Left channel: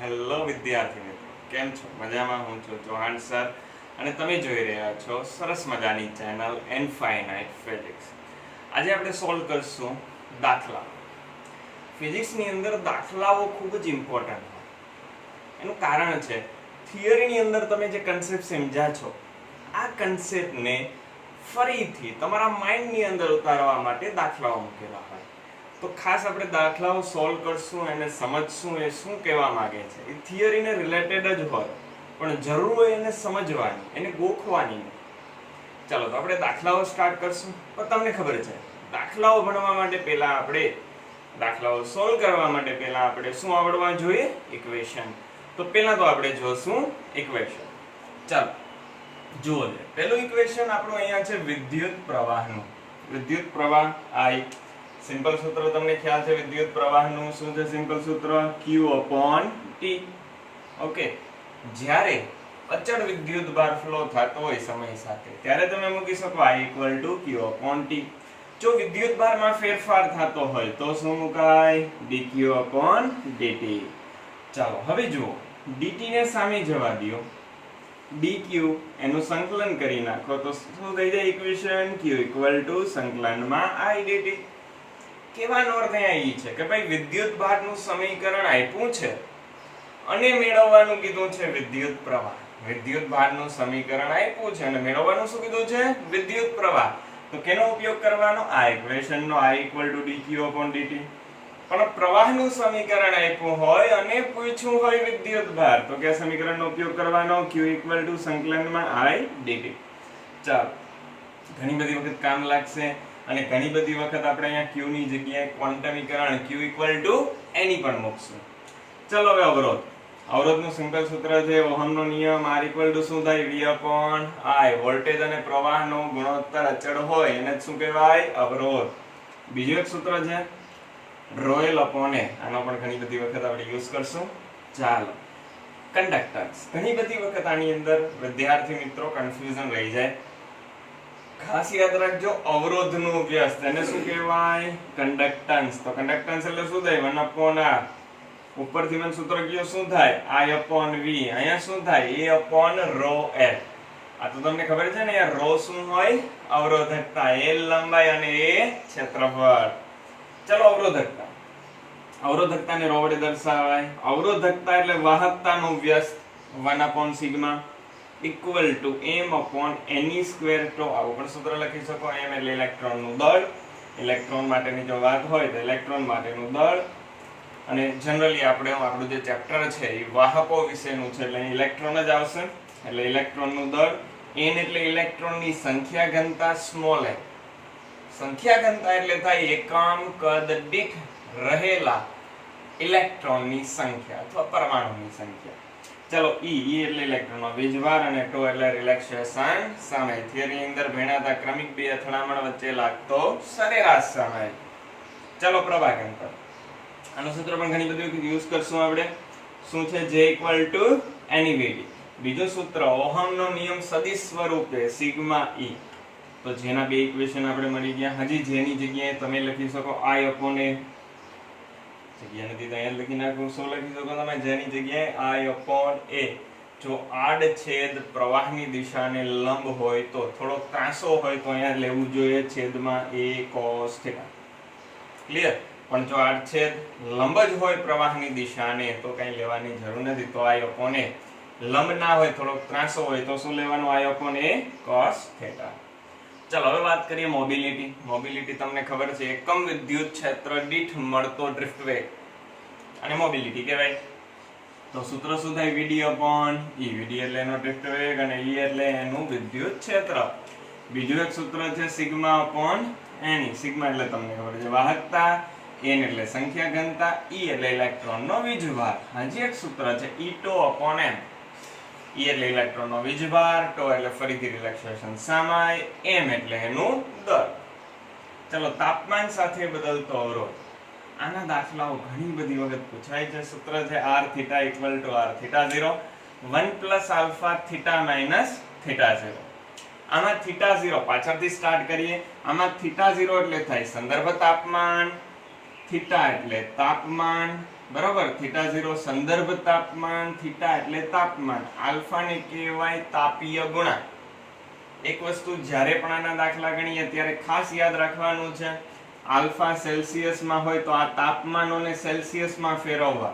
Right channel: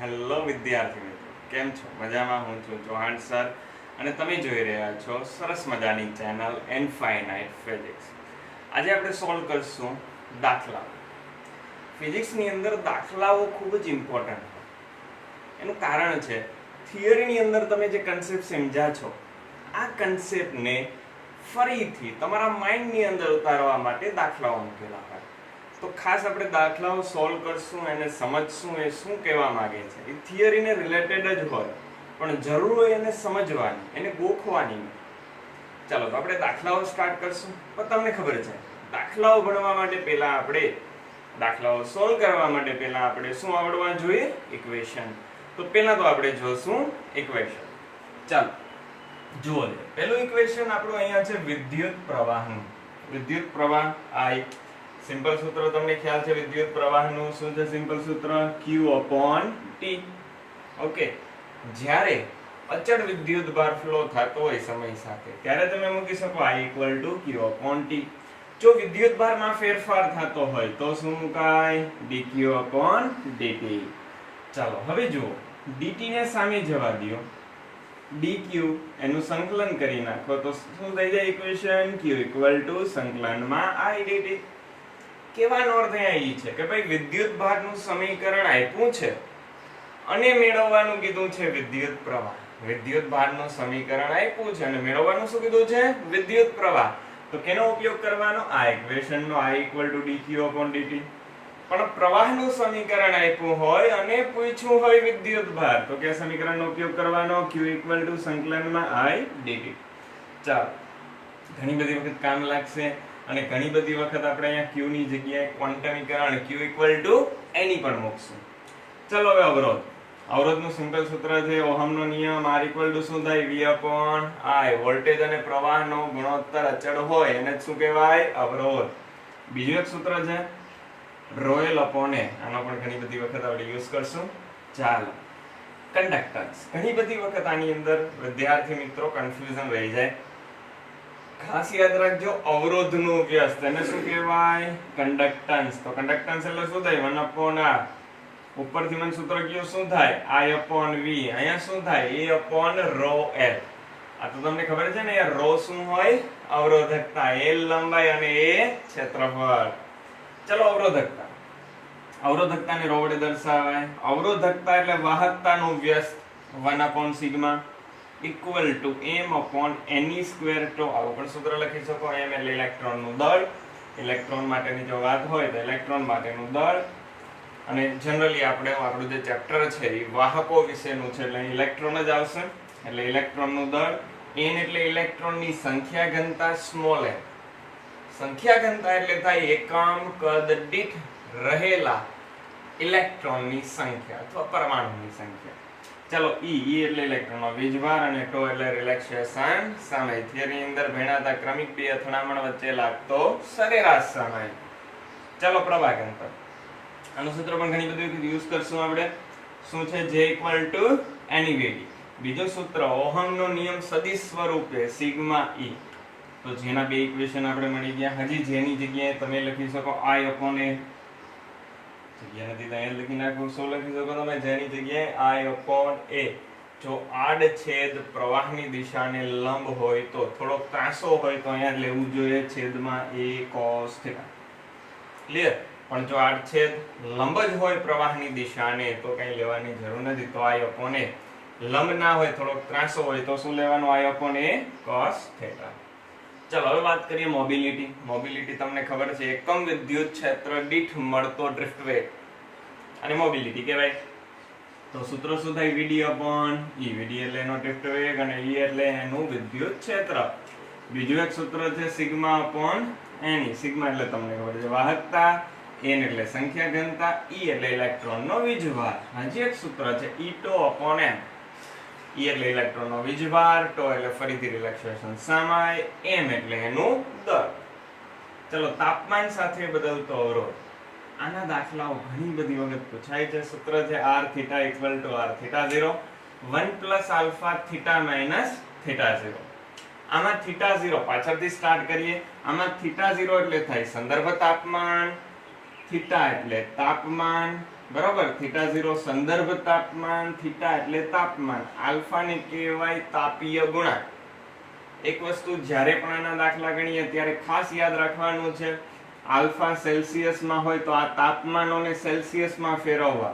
Hello વિદ્યાર્થી મિત્રો, કેમ છો? મજામાં? હું છું ચૌહાણ સર અને તમે જોઈ રહ્યા છો સરસ મજાની ચેનલ ઇનફાઇનાઇટ ફિઝિક્સ. આજે આપણે સોલ્વ કરશું દાખલા. ફિઝિક્સની અંદર દાખલાઓ ખૂબ જ ઇમ્પોર્ટન્ટ હોય. એનું કારણ છે થિયરીની અંદર તમે જે કન્સેપ્ટ સમજ્યા છો, આ કન્સેપ્ટને ફરીથી તમારા માઇન્ડની અંદર ઉતારવા માટે દાખલાઓ મૂકેલા હોય. તો ખાસ આપણે દાખલાઓ સોલ્વ કરશું અને સમજશું એ શું કહેવા માંગે છે. એ થિયરીને રિલેટેડ જ હોય, પણ જરૂર હોય એને સમજવાની, એને ગોખવાની નહીં. ચાલો તો આપણે દાખલાઓ સ્ટાર્ટ કરશું. પણ તમને ખબર છે, દાખલાઓ ભણવા માટે પહેલા આપણે દાખલાઓ સોલ્વ કરવા માટે પહેલા આપણે શું આવડવા જોઈએ? ઇક્વેશન. તો પહેલા તો આપણે જોશું ઇક્વેશન. ચાલો જુઓ, પહેલું ઇક્વેશન આપણું અહીંયા છે વિદ્યુત પ્રવાહનું. વિદ્યુત પ્રવાહ I. સિમ્પલ સૂત્ર તમને ખ્યાલ છે વિદ્યુત પ્રવાહનું. શું છે સિમ્પલ સૂત્ર? Q/T. ઓકે, જ્યારે અચળ વિદ્યુત ભાર ફ્લો થતો હોય સમય સાથે, ત્યારે તમે મૂકી શકો I = Q/T. જો વિદ્યુત ભારમાં ફેરફાર થતો હોય તો શું મુકાય? dQ/dt. ચાલો હવે જુઓ, dt ને સામે જવા દો, dq એનું સંકલન કરી નાખો તો શું થઈ જાય ઇક્વેશન? Q સંકલનમાં I dt. કહેવાનો અર્થ એ છે કે ભાઈ વિદ્યુત ભારનું સમીકરણ આપ્યું છે અને મેળવવાનું કીધું છે વિદ્યુત પ્રવાહ. વિદ્યુત ભારનું સમીકરણ આપ્યું છે અને મેળવવાનું શું કીધું છે? વિદ્યુત પ્રવાહ. તો કેનો ઉપયોગ કરવાનો? આ ઇક્વેશનનો I = dQ/dt. પણ પ્રવાહનું સમીકરણ આપ્યું હોય અને પૂછ્યું હોય વિદ્યુત ભાર, તો કે સમીકરણનો ઉપયોગ કરવાનો Q સંકલનમાં I dt. ચાલો, ઘણી બધી વખત કામ લાગશે અને ઘણી બધી વખત આપણે અહીંયા q ની જગ્યાએ ક્વોન્ટમીકરણ Q એની પણ મૂકશું. ચલો હવે અવરોધ. અવરોધનું સિમ્પલ સૂત્ર છે ઓહમનો નિયમ. R = શું થાય? V/I. વોલ્ટેજ અને પ્રવાહનો ગુણોત્તર અચળ હોય એને શું કહેવાય? અવરોધ. બીજું એક સૂત્ર છે ρl/A. આનો પણ ઘણી બધી વખત આપણે યુઝ કરશું. ચાલો, કન્ડક્ટન્સ. ઘણી બધી વખત આની અંદર વિદ્યાર્થી મિત્રો કન્ફ્યુઝન રહી જાય. ખાસ યાદ રાખજો, અવરોધનું વ્યસ્ત એને શું કહેવાય? કન્ડક્ટન્સ. તો કન્ડક્ટન્સ એટલે શું થાય? 1/R. ઉપરથી મને સૂત્ર કયો શું થાય? I/V. અહીંયા શું થાય? A/ρl. આ તો તમને ખબર છે ને યાર, ρ શું હોય? અવરોધકતા. L લંબાઈ અને A ક્ષેત્રફળ. ચલો અવરોધકતા. અવરોધકતાને ρ વડે દર્શાવાય. અવરોધકતા એટલે વાહકતાનું વ્યસ્ત 1/σ = m/ne². તો આવું પણ સૂત્ર લખી શકો. m એટલે ઇલેક્ટ્રોનનું દળ. ઇલેક્ટ્રોન માટેની જો વાત હોય તો ઇલેક્ટ્રોન માટેનું દળ. અને જનરલી આપણે આપણું જે ચેપ્ટર છે એ વાહકો વિશેનું છે એટલે ઇલેક્ટ્રોન જ આવશે. એટલે ઇલેક્ટ્રોનનું દળ. n એટલે ઇલેક્ટ્રોનની સંખ્યા ઘનતા, સ્મોલ m. સંખ્યા ઘનતા એટલે થાય એકમ કદ દીઠ રહેલા ઇલેક્ટ્રોનની સંખ્યા અથવા પરમાણુની સંખ્યા. ચલો, E એટલે ઇલેક્ટ્રોનનો વીજભાર અને τ એટલે રિલેક્સેશન સમય. થિયરી અંદર ભણ્યા ક્રમિક બે અથડામણ વચ્ચે લાગતો સરેરાશ સમય. ચલો પ્રવાહ ઘનતા. આનું સૂત્ર પણ ઘણી બધી યુઝ કરશું આપણે. શું છે? J = NEVD. બીજું સૂત્ર ઓહમનો નિયમ સદિશ સ્વરૂપે σE. તો જેના બે ઇક્વેશન આપણે મળી ગયા. હજી જેની જગ્યાએ તમે લખી શકો I/A. જગ્યા નથી તો અહીંયા લખી નાખું. શું લખી શકો તમે? જેની જગ્યાએ I/A. જો આડછેદ પ્રવાહની દિશાને લંબ હોય તો, થોડો ત્રાસો હોય તો અહીંયા લેવું જોઈએ છેદમાં A cos θ. ક્લિયર? પણ જો આડછેદ લંબ જ હોય પ્રવાહની દિશાને તો કઈ લેવાની જરૂર નથી. તો I/A. લંબ ના હોય, થોડોક ત્રાસો હોય તો શું લેવાનું? I/A cos θ. ચલો હવે વાત કરીએ મોબિલિટી. મોબિલિટી તમને ખબર છે એકમ વિદ્યુત ક્ષેત્ર દીઠ મળતો ડ્રિફ્ટ વેગ અને મોબિલિટી કહેવાય. તો સૂત્ર શું થાય? VD/E. VD એટલે એનો ડ્રિફ્ટ વેગ અને E એટલે એનું વિદ્યુત ક્ષેત્ર. બીજું એક સૂત્ર છે σ/Ne. સિગ્મા એટલે તમને ખબર છે વાહકતા, n એટલે સંખ્યા ઘનતા, E એટલે ઇલેક્ટ્રોનનો વીજભાર. હજી એક સૂત્ર છે E/m. E એટલે ઇલેક્ટ્રોનનો વીજભાર, τ એટલે ફરીથી રિલેક્સેશન સમય, m એટલે એનું દળ. ચલો, તાપમાન સાથે બદલતો અવરોધ. આના દાખલાઓ ઘણી બધી વખત પૂછાય છે. સૂત્ર છે R θ = R θ0 1 + α θ - θ0. આમાં θ0 પાછળથી સ્ટાર્ટ કરીએ. આમાં θ0 એટલે થાય સંદર્ભ તાપમાન, θ એટલે તાપમાન બરોબર, થીટા 0 સંદર્ભ તાપમાન, થીટા એટલે તાપમાન, આલ્ફા ને કહેવાય તાપીય ગુણાંક. એક વસ્તુ જ્યારે પણ આના દાખલા ગણીએ ત્યારે ખાસ યાદ રાખવાનું છે, આલ્ફા સેલ્સિયસમાં હોય તો આ તાપમાનોને સેલ્સિયસમાં ફેરવવા.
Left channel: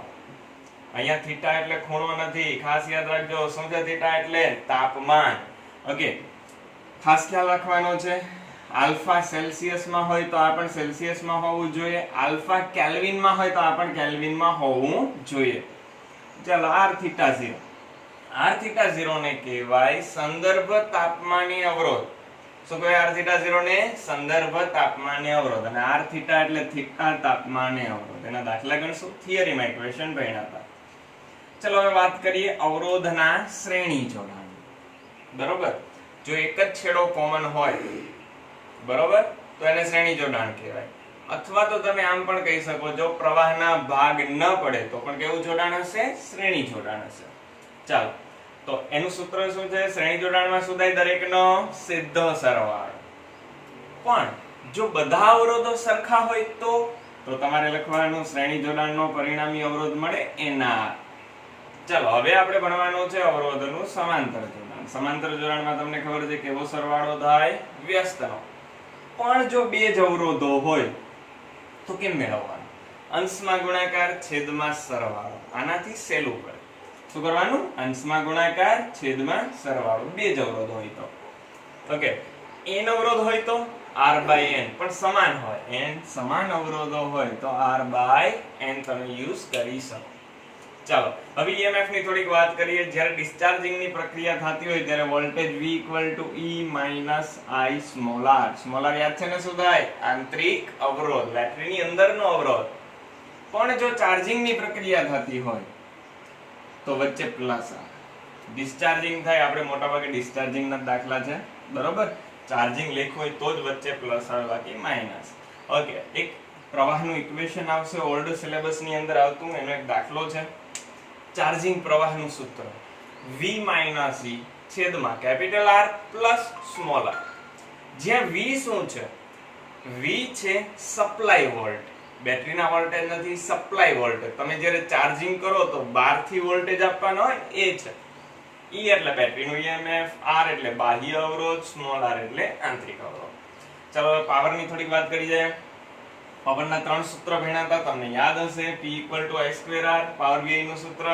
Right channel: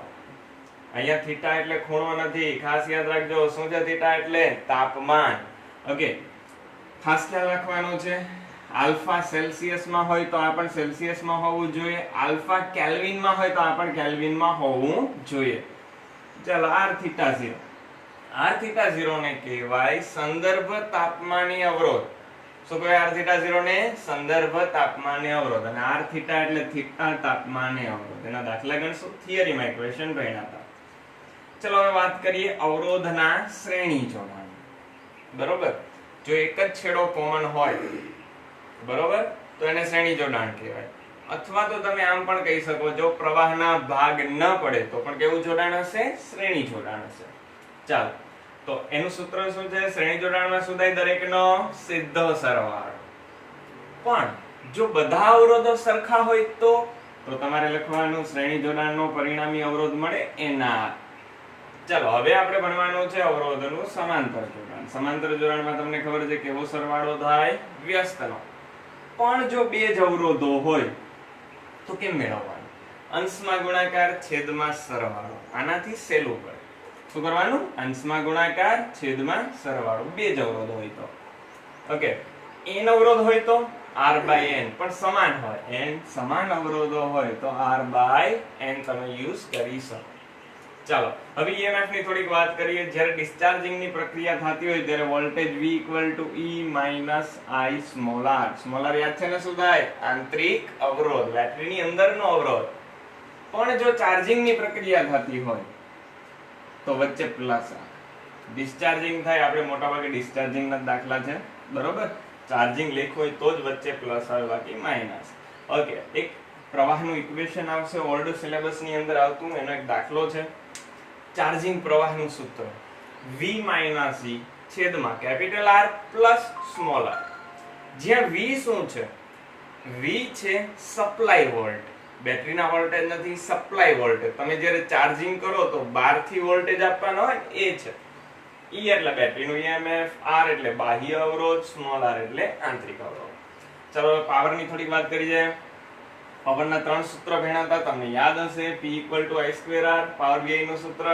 અહીંયા થીટા એટલે ખૂણો નથી, ખાસ યાદ રાખજો. શું છે થીટા એટલે તાપમાન. ઓકે, ખાસ ખ્યાલ રાખવાનો છે. આલ્ફા સેલ્સિયસમાં હોય તો આ પણ સેલ્સિયસમાં હોવું જોઈએ, આલ્ફા કેલ્વિનમાં હોય તો આ પણ કેલ્વિનમાં હોવું જોઈએ. ચાલો, r થીટા 0, r થીટા 0 ને કહેવાય સંદર્ભ તાપમાનીય અવરોધ. શું કહેવાય r થીટા 0 ને? સંદર્ભ તાપમાનીય અવરોધ. અને r થીટા એટલે થીટા તાપમાનીય અવરોધ. એના દાખલા ગણશું, થિયરીમાં ઇક્વેશન ભણ્યા હતા. ચલો હવે વાત કરીએ અવરોધના શ્રેણી જોડાણ. બરોબર, જો એક જ છેડો કોમન હોય, બરોબર, તો એને શ્રેણી જોડાણ કહેવાય. અથવા તો તમે આમ પણ કહી શકો, જો પ્રવાહના ભાગ ન પડે તો પણ કેવું જોડાણ હશે? શ્રેણી જોડાણ હશે. ચાલો, તો એનું સૂત્ર શું છે? શ્રેણી જોડાણમાં શું થાય? દરેકનો સીધો સરવાળો. પણ જો બધા અવરોધો સરખા હોય તો તમારે લખવાનું શ્રેણી જોડાણનો પરિણામી અવરોધ મળે એના. ચાલો, હવે આપણે ભણવાનું છે અવરોધનું સમાંતર જોડાણ. સમાંતર જોડાણમાં તમને ખબર છે કેવો સરવાળો થાય? વ્યસ્તનો. પણ જો બે જ અવરોધો હોય તો કેમ મેળવવાનું? અંશમાં ગુણાકાર, છેદમાં સરવાળો. આનાથી સહેલું પડે. શું કરવાનું? અંશમાં ગુણાકાર, છેદમાં સરવાળો. બે જ અવરોધ હોય તો. ઓકે, n અવરોધ હોય તો r by n, પણ સમાન હોય. n સમાન અવરોધો હોય તો r by n તમે યુઝ કરી શકો. ચાલો, હવે EMF ની થોડીક વાત કરીએ. જ્યારે ડિસ્ચાર્જિંગ ની પ્રક્રિયા થતી હોય ત્યારે voltage V = E - I small r. Small r યાદ છે ને શું થાય? આંતરિક અવરોધ, બેટરીની અંદરનો અવરોધ. પણ જો ચાર્જિંગ ની પ્રક્રિયા થતી હોય તો વચ્ચે પ્લસ r. ડિસ્ચાર્જિંગ થાય, આપણે મોટા ભાગે ડિસ્ચાર્જિંગ ના દાખલા છે, બરોબર. ચાર્જિંગ લેખો હોય તો જ વચ્ચે પ્લસ આવે, બાકી માઈનસ. ઓકે, એક પ્રવાહનું ઇક્વેશન આવશે, ઓલ્ડ સિલેબસ ની અંદર આવતું, એનો એક દાખલો છે. ચાર્જિંગ પ્રવાહનું સૂત્ર V - E છેદમાં capital R plus small r. જ્યાં V શું છે? V છે સપ્લાય વોલ્ટ. બેટરીના વોલ્ટેજ નથી, સપ્લાય વોલ્ટેજ. તમે જ્યારે ચાર્જિંગ કરો તો બહારથી વોલ્ટેજ આપવાનો હોય એ છે. E એટલે બેટરીનું EMF, R એટલે બાહ્ય અવરોધ, સ્મોલ r એટલે આંતરિક અવરોધ. ચાલો, પાવરની થોડીક વાત કરી જાય. પાવરના ત્રણ સૂત્ર ભણ્યા હતા, તમને યાદ હશે. P = I²R પાવર VI નું સૂત્ર.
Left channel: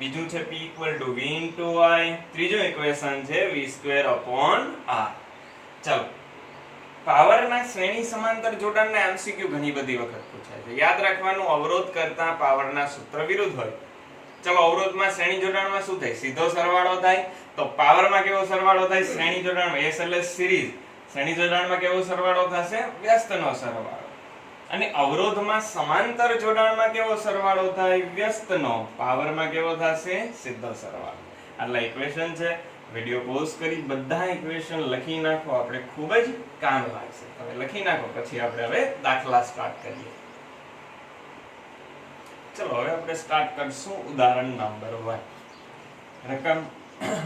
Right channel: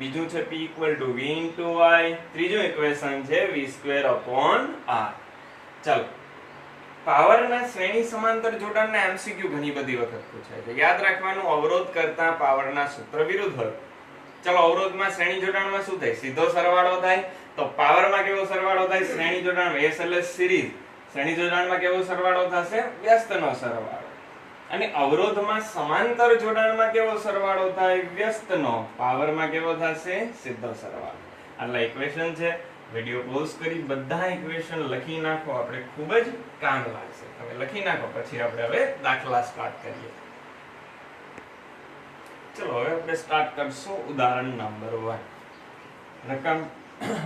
બીજું છે P = V * I. ત્રીજું ઇક્વેશન છે V²/R. ચાલો, પાવરના શ્રેણી સમાંતર જોડાણના MCQ ઘણી બધી વખત પૂછાય છે. યાદ રાખવાનું, અવરોધ કરતા પાવરના સૂત્ર વિરુદ્ધ હોય. ચાલો, અવરોધમાં શ્રેણી જોડાણમાં શું થાય? સીધો સરવાળો થાય. તો પાવરમાં કેવો સરવાળો થાય? શ્રેણી જોડાણ, S એટલે સિરીઝ. શ્રેણી જોડાણમાં કેવો સરવાળો થશે? વ્યસ્તનો સરવાળો. અને અવરોધમાં સમાંતર જોડાણમાં કેવો સરવાળો થાય? વ્યસ્તનો. પાવરમાં કેવો થશે? સીધો સરવાળો. આટલા ઇક્વેશન છે. વિડિયો પોઝ કરી બધા ઇક્વેશન લખી નાખો, આપણે ખૂબ જ કામ લાગશે. તમે લખી નાખો, પછી આપણે હવે દાખલા સ્ટાર્ટ કરીએ. ચલો, હવે આપણે સ્ટાર્ટ કરશું ઉદાહરણ નંબર 1. રકમ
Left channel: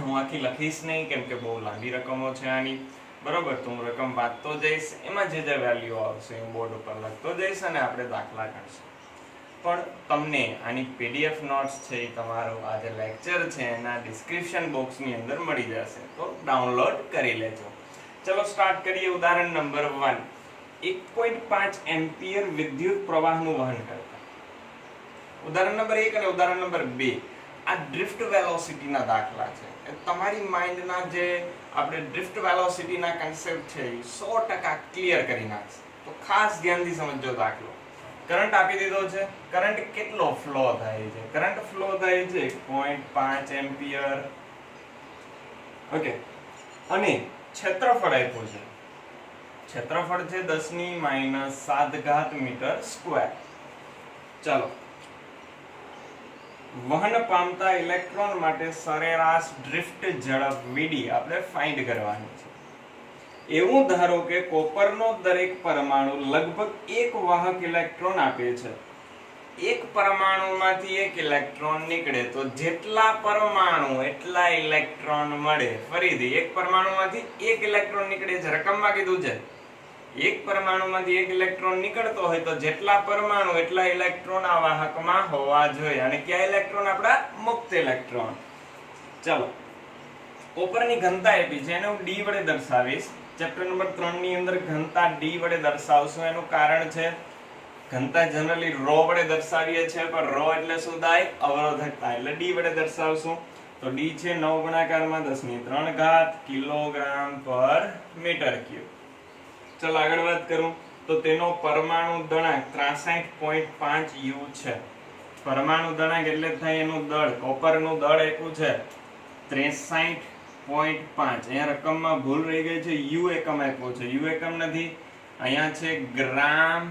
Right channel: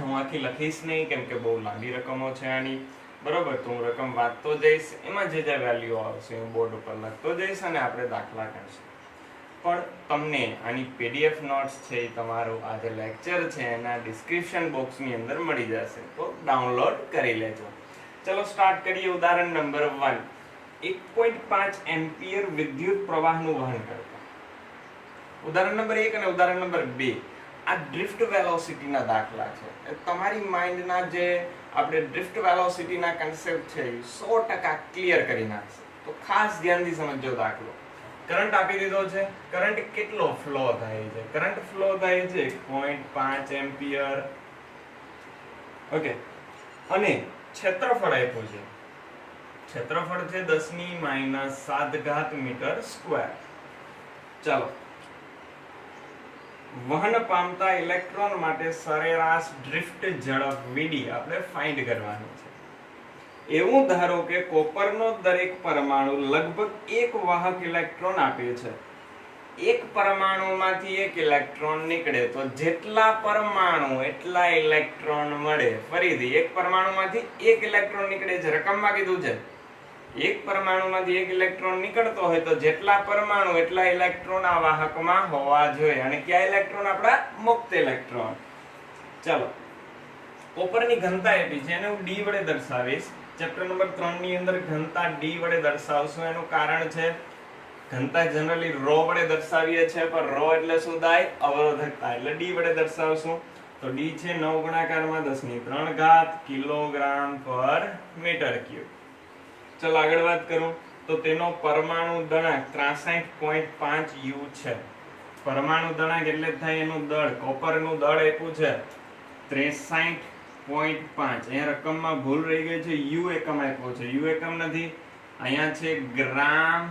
હું આખી લખીશ નહીં, કેમ કે બહુ લાંબી રકમો છે આની, બરોબર. તો હું રકમ વાંચતો જઈશ, એમાં જે વેલ્યુ આવશે હું બોર્ડ ઉપર લખતો જઈશ અને આપણે દાખલા ગણશું. પણ તમને આની PDF નોટ્સ છે એ તમારું આ જે લેક્ચર છે એના ડિસ્ક્રિપ્શન બોક્સની અંદર મળી જશે, તો ડાઉનલોડ કરી લેજો. ચલો, સ્ટાર્ટ કરીએ. ઉદાહરણ નંબર 1. 1.5 એમ્પિયર વિદ્યુત પ્રવાહનું વહન કરતા. ઉદાહરણ નંબર 1 અને ઉદાહરણ નંબર 2 આ ડ્રિફ્ટ વેલોસિટીના દાખલા છે. તમારી માઇન્ડના જે આપણે ડ્રિફ્ટ વેલોસિટીના કન્સેપ્ટ છે એ 100% ક્લિયર કરી નાખશે. તો ખાસ ધ્યાનથી સમજજો દાખલો. કરંટ આપી દીધો છે. કરંટ કેટલો ફ્લો થાય છે? કરંટ ફ્લો થાય છે 1.5 એમ્પિયર. ઓકે, અને ક્ષેત્રફળ આપ્યું છે. ક્ષેત્રફળ છે 10⁻⁷ મીટર સ્ક્વેર. ચાલો, વહન પામતા ઇલેક્ટ્રોન માટે સરેરાશ ડ્રિફ્ટ ઝડપ Vd આપણે ફાઇન્ડ કરવાની છે. એવું ધારો કે કોપરનો દરેક પરમાણુ લગભગ એક વાહક ઇલેક્ટ્રોન આપે છે. એક પરમાણુમાંથી એક ઇલેક્ટ્રોન નીકળે તો જેટલા પરમાણુ એટલા ઇલેક્ટ્રોન મળે. ફરીથી, એક પરમાણુમાંથી એક ઇલેક્ટ્રોન નીકળે છે. રકમમાં કીધું છે એક પરમાણુમાંથી એક ઇલેક્ટ્રોન નીકળતો હોય તો જેટલા પરમાણુ એટલા ઇલેક્ટ્રોન આ વાહકમાં હોવા જોઈએ, અને કયા ઇલેક્ટ્રોન? આપણા મુક્ત ઇલેક્ટ્રોન. ચાલો, કોપરની ઘનતા આપી છે, એને હું D વડે દર્શાવીશ. ચેપ્ટર નંબર 3 ની અંદર ઘનતા D વડે દર્શાવશું. એનું કારણ છે ઘનતા જનરલી ρ વડે દર્શાવીએ છીએ, પણ ρ એટલે શું થાય? અવરોધકતા. એટલે D વડે દર્શાવશું. તો D છે 9 ગુણાકારમાં 10⁻³ કિલોગ્રામ પર મીટર ક્યુબ. ચલો આગળ વાત કરું તો તેનો પરમાણુ દળાંક 63.5 U છે. પરમાણુ દળાંક એટલે થાય એનું દળ. કોપરનું દળ આપ્યું છે 63.5. અહીંયા રકમમાં ભૂલ રહી ગઈ છે, U એકમ આપ્યો છે. U એકમ નથી, અહીંયા છે ગ્રામ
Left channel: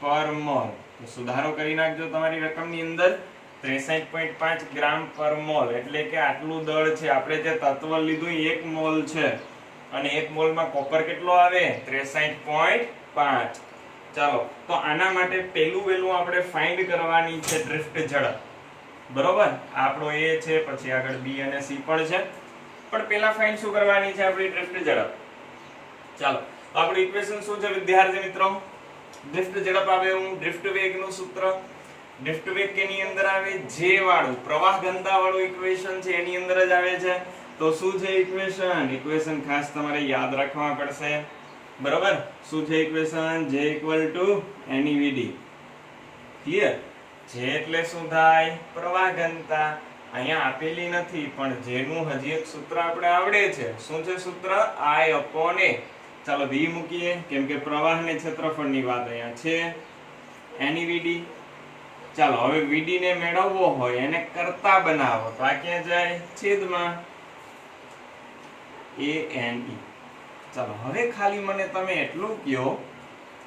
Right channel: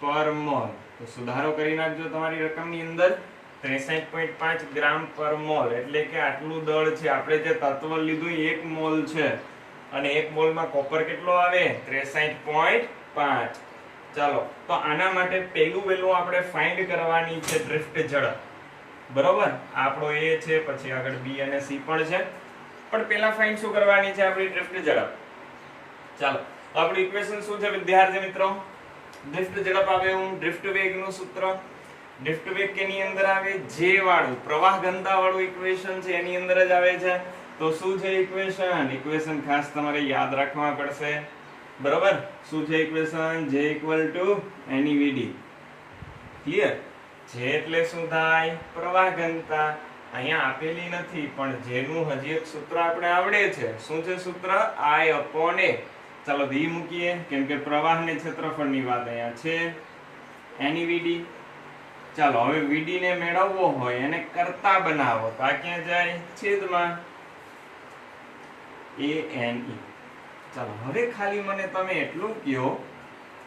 પર મોલ. તો સુધારો કરી નાખજો તમારી રકમની અંદર. 63.5 ગ્રામ પર મોલ એટલે કે આટલું દળ છે. આપણે જે તત્વ લીધું 1 મોલ છે, અને 1 મોલમાં કોપર કેટલો આવે? 63.5. ચાલો, તો આના માટે પહેલું આપણે ફાઇન્ડ કરવાની છે ડ્રિફ્ટ ઝડપ. બરોબર, આપણો A છે, પછી આગળ B અને C પણ છે, પણ પહેલા ફાઇન્ડ શું કરવાની છે? આપણી ડ્રિફ્ટ ઝડપ. ચાલો, તો આપણું ઇક્વેશન શું છે વિદ્યાર્થી મિત્રો? ડ્રિફ્ટ ઝડપ આવે હું ડ્રિફ્ટ વેગનું સૂત્ર. ડ્રિફ્ટ વેગ કેની અંદર આવે? J વાળું પ્રવાહ ઘનતા વાળું ઇક્વેશન છે, એની અંદર જ આવે છે. તો શું છે ઇક્વેશન? ઇક્વેશન ખાસ તમારે યાદ રાખવા પડશે. બરોબર, શું છે equation? J = NEVD. Clear? J એટલે શું થાય? પ્રવાહ ઘનતા. અહીંયા આપેલી નથી, પણ J નું હજી એક સૂત્ર આપણે આવડે છે. શું છે સૂત્ર? I/A. ચાલો V મૂકીએ, કેમ કે પ્રવાહ ને ક્ષેત્રફળની વાત અહીંયા છે. NEVD. ચાલો, હવે VD ને મેળવવો હોય, એને કરતા બનાવો, તો આ ક્યાં જાય? છેદમાં ANE. ચાલો, હવે ખાલી મને તમે એટલું કહો,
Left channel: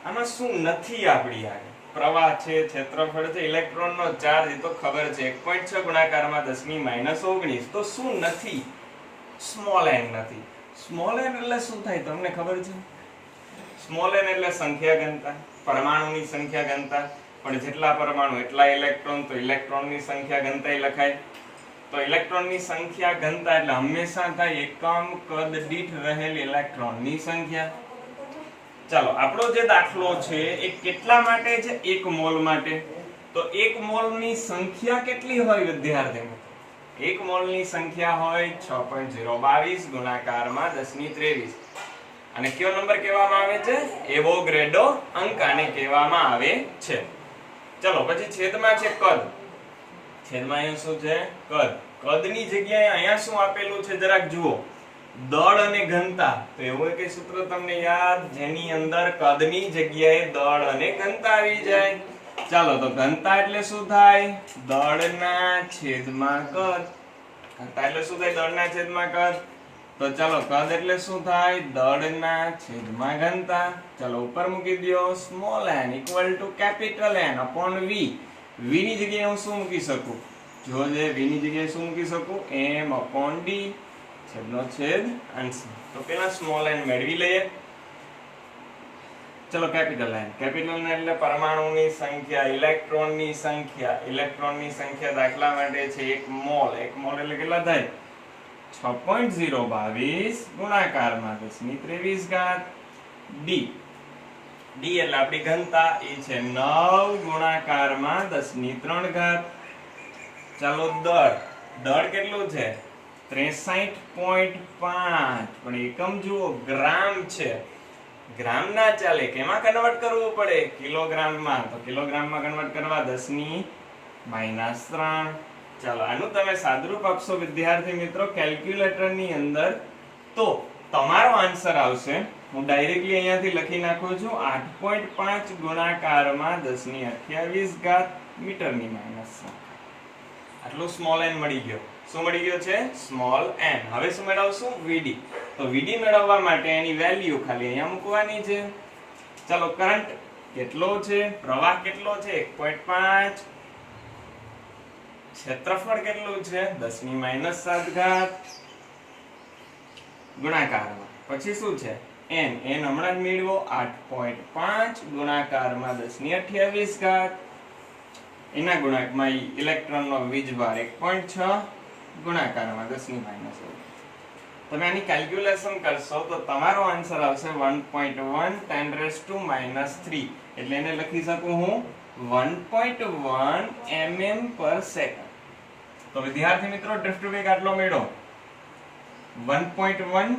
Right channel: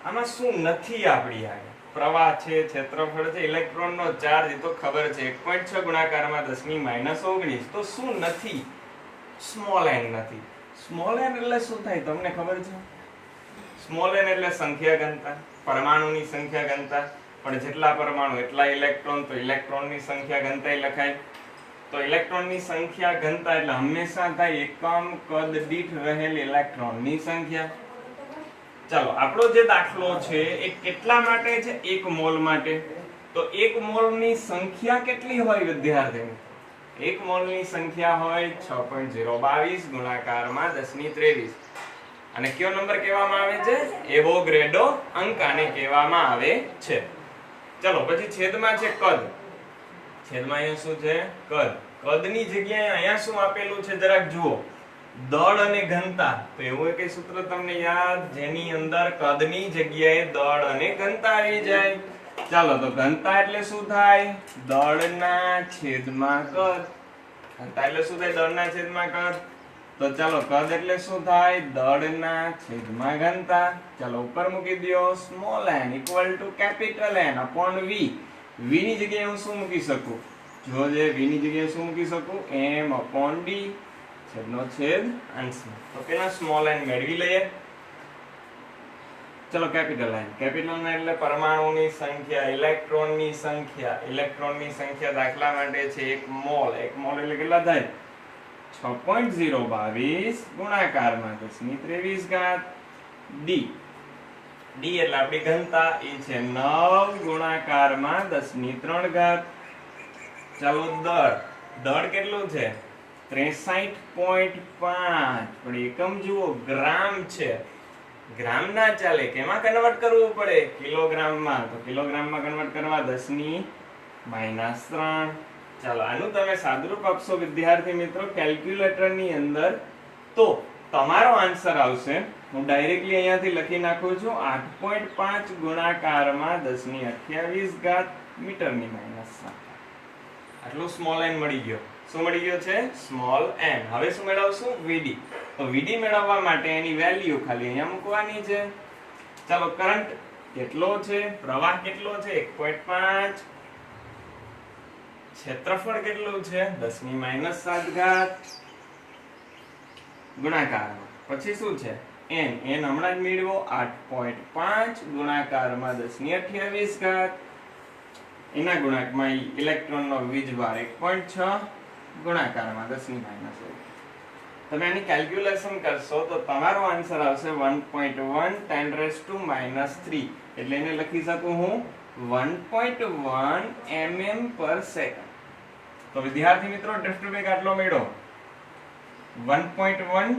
આમાં શું નથી આપણી આગળ? પ્રવાહ છે, ક્ષેત્રફળ છે, ઇલેક્ટ્રોનનો ચાર્જ તો ખબર છે 1.6 ગુણાકારમાં 10⁻19. તો શું નથી? સ્મોલ n નથી. સ્મોલ n એટલે શું થાય તમને ખબર છે? સ્મોલ n એટલે સંખ્યા ઘનતા, પરમાણુની સંખ્યા ઘનતા. પણ જેટલા પરમાણુ એટલા ઇલેક્ટ્રોન, તો ઇલેક્ટ્રોનની સંખ્યા ઘનતા લખાય. તો ઇલેક્ટ્રોનની સંખ્યા ઘનતા એટલે હંમેશા થાય એકમ કદ દીઠ રહેલ ઇલેક્ટ્રોનની સંખ્યા. ચાલો, આપણો જે દાખલો છે એ કેટલા માટે છે? 1 મોલ માટે. તો 1 મોલની સંખ્યા કેટલી હોય વિદ્યાર્થી મિત્રો? 1 મોલની સંખ્યા હોય 6.022 ગુણાકારમાં 10⁻23. અને કયો નંબર કહેવામાં આવે છે? એવોગ્રેડો અંક આને કહેવામાં આવે છે. ચલો, પછી છેદમાં છે કદ. છેદમાં અહીંયા શું છે? કદ. કદની જગ્યાએ અહીંયા શું આપેલું છે જરાક જુઓ? દળ અને ઘનતા. તો એવું એક સૂત્ર તમને યાદ, જેની અંદર કદની જગ્યાએ દળ અને ઘનતા આવી જાય. ચાલો, તો ઘનતા એટલે શું થાય? દળના છેદમાં કદ. ઘનતા એટલે શું થાય? દળના છેદમાં કદ. તો ચાલો, કદ એટલે શું થાય? દળના છેદમાં ઘનતા. ચાલો, ઉપર મૂકી દો. Small n = capital N upon V. V ની જગ્યાએ હું શું મૂકી શકું? જો જે V ની જગ્યાએ શું મૂકી શકું? M/D. છેદનો છેદ અંશમાં. તો પેલા સ્મોલ n મેળવી લઈએ. ચલો, કેપિટલ N. કેપિટલ N એટલે પરમાણુની સંખ્યા, ઇલેક્ટ્રોનની સંખ્યા. ઇલેક્ટ્રોનની સંખ્યા દાખલા માટે છે 1 મોલ. 1 મોલ એટલે કેટલા થાય? 6.022 ગુણાકારમાં 10⁻23. D. D એટલે આપણી ઘનતા, એ છે 9 ગુણાકારમાં 10⁻3. ચાલો, દળ. દળ કેટલું છે? 63.5. પણ એકમ જુઓ, ગ્રામ છે. ગ્રામ ના ચાલે, કેમાં કન્વર્ટ કરવું પડે? કિલોગ્રામમાં. તો કિલોગ્રામમાં કન્વર્ટ કરવા 10⁻3. ચાલો, આનું તમે સાદરૂપ આપશો વિદ્યાર્થી મિત્રો કેલ્ક્યુલેટરની અંદર, તો તમારો આન્સર આવશે. હું ડાયરેક્ટલી અહીંયાથી લખી નાખું છું 8.5 ગુણાકારમાં 10⁻28 મીટરની -7. આટલું સ્મોલ n મળી ગયો. શું મળી ગયો છે? Small n. હવે શું મેળવશું? VD. તો VD મેળવવા માટે એની વેલ્યુ ખાલી અહીંયા મૂકવાની છે. ચાલો, કરંટ કેટલો છે? પ્રવાહ કેટલો છે? 1.5. ક્ષેત્રફળ કેટલું છે? 10⁻7 ગુણાકારમાં. પછી શું છે? n. n હમણાં જ મેળવો. 8.5 ગુણાકારમાં 10⁻28. એના ગુણાંકમાં ઇલેક્ટ્રોનનો વીજભાર 1.6 ગુણાકારમાં 10⁻9. તમે આની કેલ્ક્યુલેશન કરશો તો તમારો આન્સર આવશે 1.1 10⁻³ એટલે એને લખી શકું હું 1.1 mm પર સેકન્ડ. તો વિદ્યાર્થી મિત્રો ડ્રિફ્ટ વેગ આટલો મળ્યો 1.1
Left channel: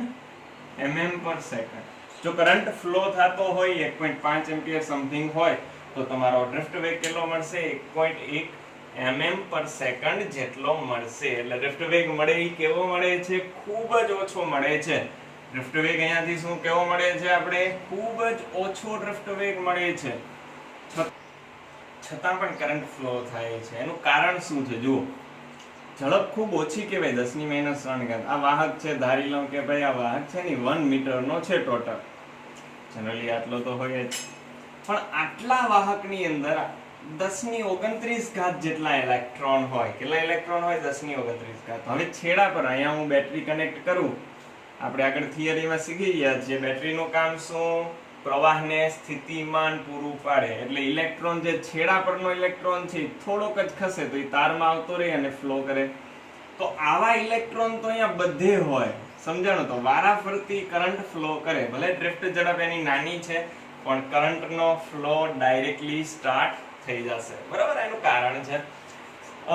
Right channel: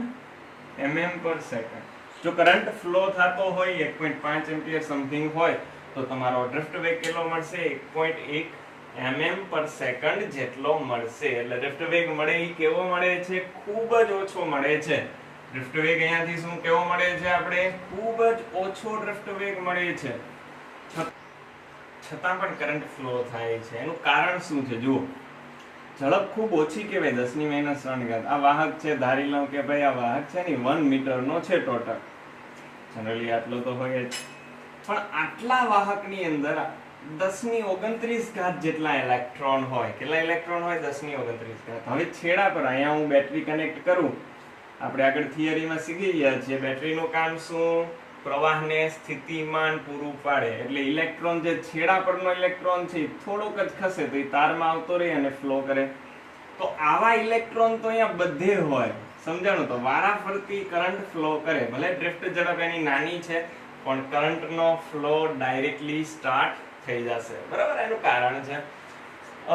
mm પર સેકન્ડ. જો કરંટ ફ્લો થતો હોય 1.5 એમ્પિયર સમથિંગ હોય તો તમારો ડ્રિફ્ટ વેગ કેટલો મળશે 1.1 mm પર સેકન્ડ જેટલો મળશે. એટલે ડ્રિફ્ટ વેગ મળે એ કેવો મળે છે? ખૂબ જ ઓછો મળે છે. ડ્રિફ્ટ વેગ અહીંયાથી શું કેવો મળે છે? આપણે ખૂબ જ ઓછો ડ્રિફ્ટ વેગ મળે છે, છતાં પણ કરંટ ફ્લો થાય છે. એનું કારણ શું છે? જુઓ, ઝડપ ખૂબ ઓછી કહેવાય 10⁻³ આ વાહક છે. ધારી લઉં કે ભાઈ આ વાહક છે ને 1 મીટરનો છે ટોટલ, જનરલી આટલો તો હોય જ, પણ આટલા વાહકની અંદર 10⁻29 જેટલા ઇલેક્ટ્રોન હોય. કેટલા ઇલેક્ટ્રોન હોય? 10⁻29. હવે છેડા પર અહીંયા હું બેટરી કનેક્ટ કરું. આપણે આગળ થિયરીમાં શીખી ગયા છીએ બેટરીનું કામ શું? પ્રવાહને સ્થિતિમાન પૂરું પાડે. એટલે ઇલેક્ટ્રોન જે છેડા પરનો ઇલેક્ટ્રોન છે થોડોક જ ખસે તો એ તારમાં આવતો રહે અને ફ્લો કરે. તો આવા ઇલેક્ટ્રોન તો અહીંયા બધે હોય, સમજાણું? તો વારાફરતી કરંટ ફ્લો કરે. ભલે ડ્રિફ્ટ ઝડપ એની નાની છે પણ કરંટનો ફ્લો ડાયરેક્ટલી સ્ટાર્ટ થઈ જશે. બરાબર, એનું કારણ છે.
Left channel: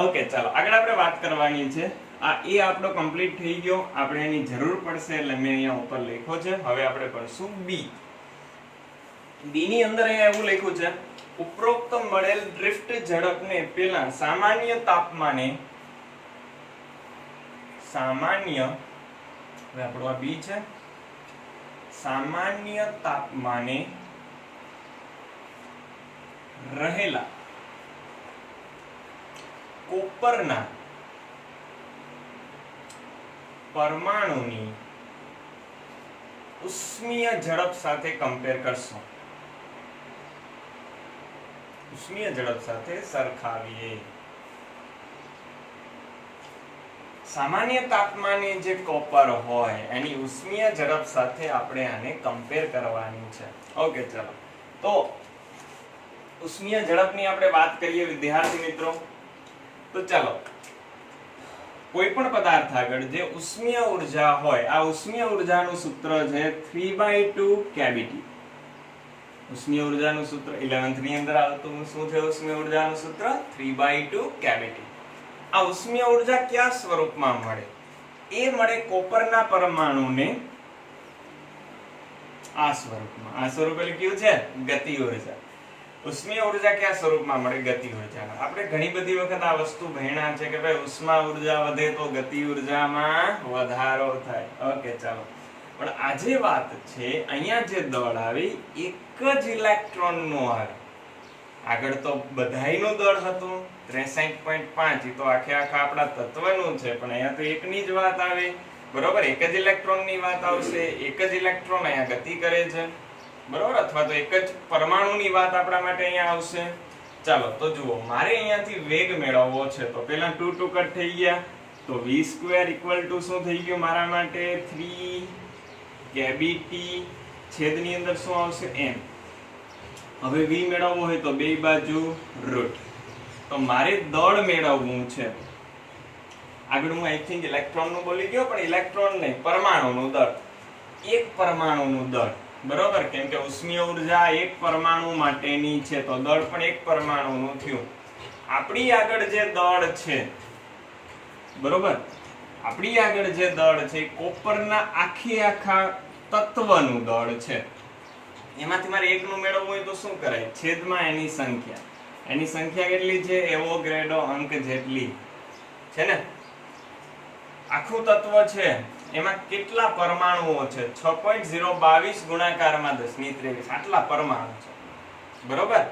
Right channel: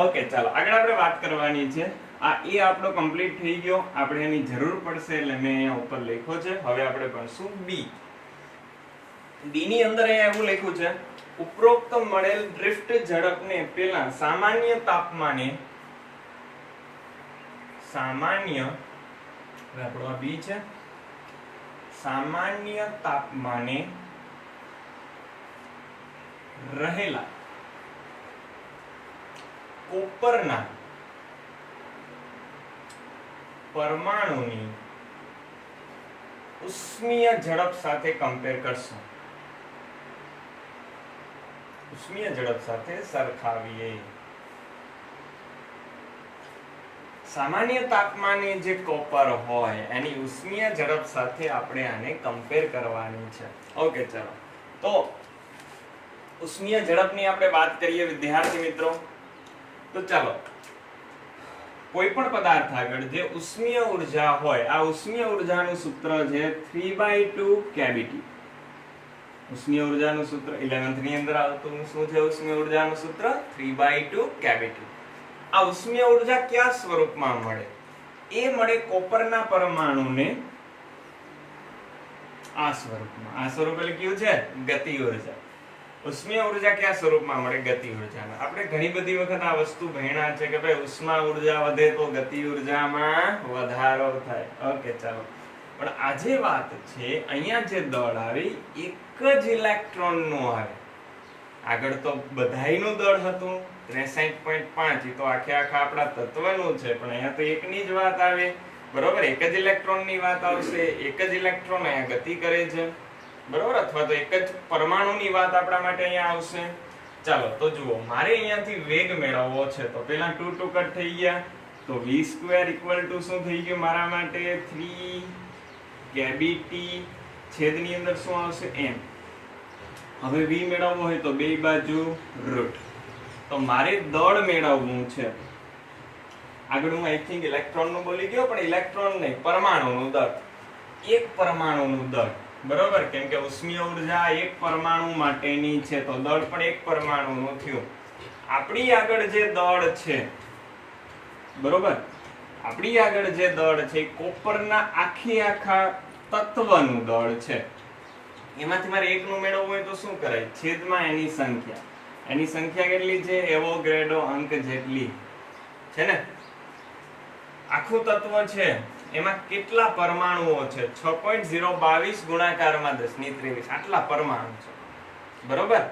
ઓકે, ચાલો આગળ આપણે વાત કરવાની છે. આ એ આપણો કમ્પ્લીટ થઈ ગયો. આપણે એની જરૂર પડશે એટલે મેં અહીંયા ઉપર લખ્યો છે. હવે આપણે ભણશું બી. બી ની અંદર અહીંયા એવું લખ્યું છે, ઉપરોક્ત મળેલ ડ્રિફ્ટ ઝડપને પેલા સામાન્ય તાપમાને હવે આપણો આ બી છે, સામાન્ય તાપમાને રહેલા કોપરના પરમાણુની ઉષ્મીય ઝડપ સાથે કમ્પેર કરશો. ઉષ્મીય ઝડપ સાથે સરખાવીએ. સામાન્ય તાપમાને જે કોપર હોય એની ઉષ્મીય ઝડપ સાથે આપણે આને કમ્પેર કરવાની છે. ઓકે, ચાલો તો ઉષ્મીય ઝડપની આપણે વાત કરીએ વિદ્યાર્થી મિત્રો. તો ચાલો, કોઈ પણ પદાર્થ આગળ જે ઉષ્મીય ઉર્જા હોય, આ ઉષ્મીય ઉર્જાનું સૂત્ર છે 3/2 કેવીટી. ઉષ્મીય ઉર્જાનું સૂત્ર 11th ની અંદર આવતું શું છે? ઉષ્મીય ઉર્જાનું સૂત્ર 3/2 કેવીટી. આ ઉષ્મીય ઉર્જા કયા સ્વરૂપમાં મળે? એ મળે કોપરના પરમાણુને આ સ્વરૂપમાં. આ સ્વરૂપ એટલે કયું છે? ગતિ ઉર્જા. ઉષ્મીય ઉર્જા કયા સ્વરૂપમાં મળે? ગતિ ઉર્જામાં. આપણે ઘણી બધી વખત આ વસ્તુ ભણ્યા છે કે ભાઈ ઉષ્મા ઉર્જા વધે તો ગતિ ઉર્જામાં વધારો થાય. ઓકે, ચાલો, પણ આજે વાત છે અહીંયા જે દળ આવે એક જ ઇલેક્ટ્રોન નું આવે. આગળ તો બધાયનું દળ હતું 63.5, એ તો આખે આખા આપણા તત્વનું છે, પણ અહીંયા તો એકની જ વાત આવે. બરોબર, એક જ ઇલેક્ટ્રોન ની વાત આવશે. એક જ ઇલેક્ટ્રોન અહીંયા ગતિ કરે છે, બરોબર, અથવા તો એક જ પરમાણુની વાત આપણા માટે અહીંયા આવશે. ચાલો તો જુઓ, મારે અહીંયાથી વેગ મેળવવો છે તો પેલા 2 2 કટ થઈ ગયા, તો v² શું થઈ ગયું મારા માટે? 3 કેવીટી છેદની અંદર શું આવશે? m. હવે v મેળવવો હોય તો બે બાજુ રૂટ. તો મારે દળ મેળવવું છે. આગળ હું આઈ થિંક ઇલેક્ટ્રોન નું બોલી ગયો, પણ ઇલેક્ટ્રોન નહીં, પરમાણુનું દળ. એક પરમાણુનું દળ, બરોબર, કેમ કે ઉષ્મીય ઉર્જા એક પરમાણુ માટેની છે તો દળ પણ એક પરમાણુનું થયું. આપણી આગળ જે દળ છે, બરોબર, આપણી આગળ જે દળ છે કોપરના આખે આખા તત્વનું દળ છે. એમાંથી મારે એકનું મેળવવું હોય તો શું કરાય? છેદમાં એની સંખ્યા. એની સંખ્યા કેટલી છે? એવોગ્રેડો અંક જેટલી છે ને. આખું તત્વ છે એમાં કેટલા પરમાણુઓ છે? 6.022 ગુણાકારમાં 10⁻23 આટલા પરમાણુ છે, બરોબર.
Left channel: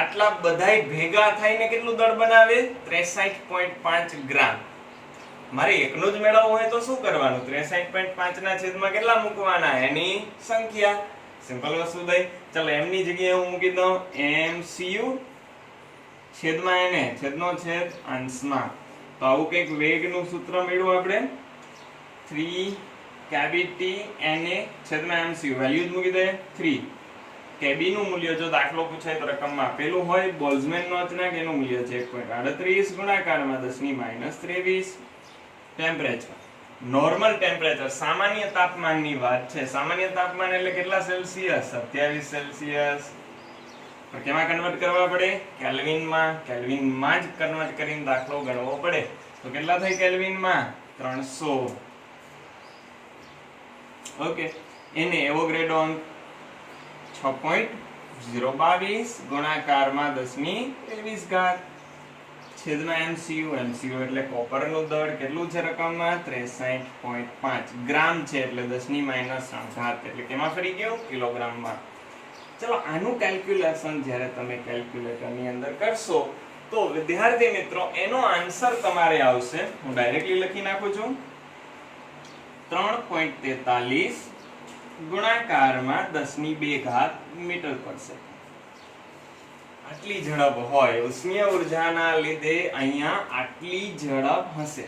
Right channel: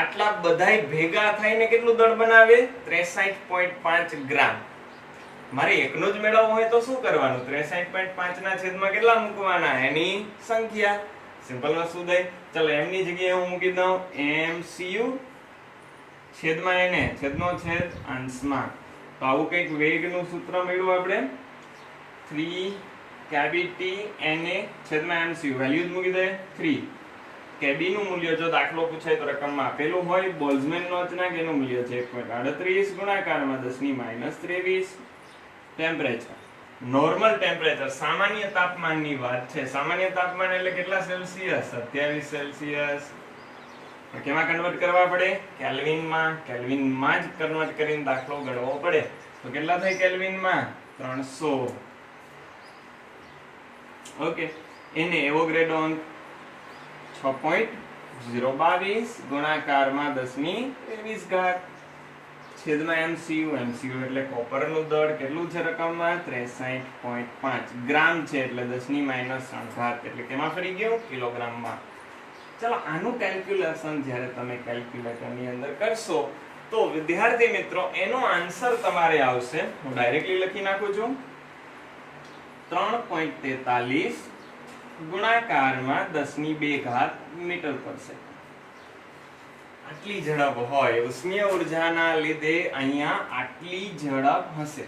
આટલા બધાય ભેગા થઈને કેટલું દળ બનાવે? 63.5 ગ્રામ. મારે એકનું જ મેળવવું હોય તો શું કરવાનું? 63.5 ના છેદમાં કેટલા મૂકવાના? એની સંખ્યા. સિમ્પલ વસ્તુ થઈ. ચાલો, એમની જગ્યાએ હું મૂકી દઉં MCU છેદમાં એને, છેદનો છેદ અંશમાં. તો આવું કંઈક વેગનું સૂત્ર મળ્યું આપણે, 3 કેવીટી Na છેદમાં MCU. વેલ્યુ જ મૂકી દઈએ 3. કેબી નું મૂલ્ય જો દાખલો પૂછાય તો રકમમાં આપેલું હોય. બોલ્ટ્ઝમેનનો અચળાંક એનું મૂલ્ય છે 1.38 ગુણાકારમાં 10⁻23. ટેમ્પરેચર નોર્મલ ટેમ્પરેચર સામાન્ય તાપમાનની વાત છે. સામાન્ય તાપમાન એટલે કેટલા સેલ્સિયસ? 27 સેલ્સિયસ. પણ કેમાં કન્વર્ટ કરવા પડે? કેલ્વિનમાં. કેલ્વિનમાં જ કન્વર્ટ કરીને દાખલો ગણવો પડે. તો કેટલા થાય કેલ્વિનમાં? 300. ઓકે, એને એવોગ્રેડો અંક 6.022 ગુણાકારમાં 10⁻23 છેદમાં MCU. MCU એટલે કોપરનું દળ. કેટલું છે રકમમાં? 63.5 ગ્રામ છે એટલે 10⁻3 એટલે કેમાં ફરી ગયો? કિલોગ્રામમાં. ચલો, આનું કેલ્ક્યુલેશન જ્યારે તમે કેલ્ક્યુલેટરની અંદર કરશો તો વિદ્યાર્થી મિત્રો એનો આન્સર તમારે આવશે. હું ડાયરેક્ટલી લખી નાખું છું. 3.43 ગુણાકારમાં 10⁻2 મીટર પર સેકન્ડ. આટલી ઝડપ હોય ઉષ્મીય ઉર્જાના લીધે અહીંયા આટલી ઝડપ હશે.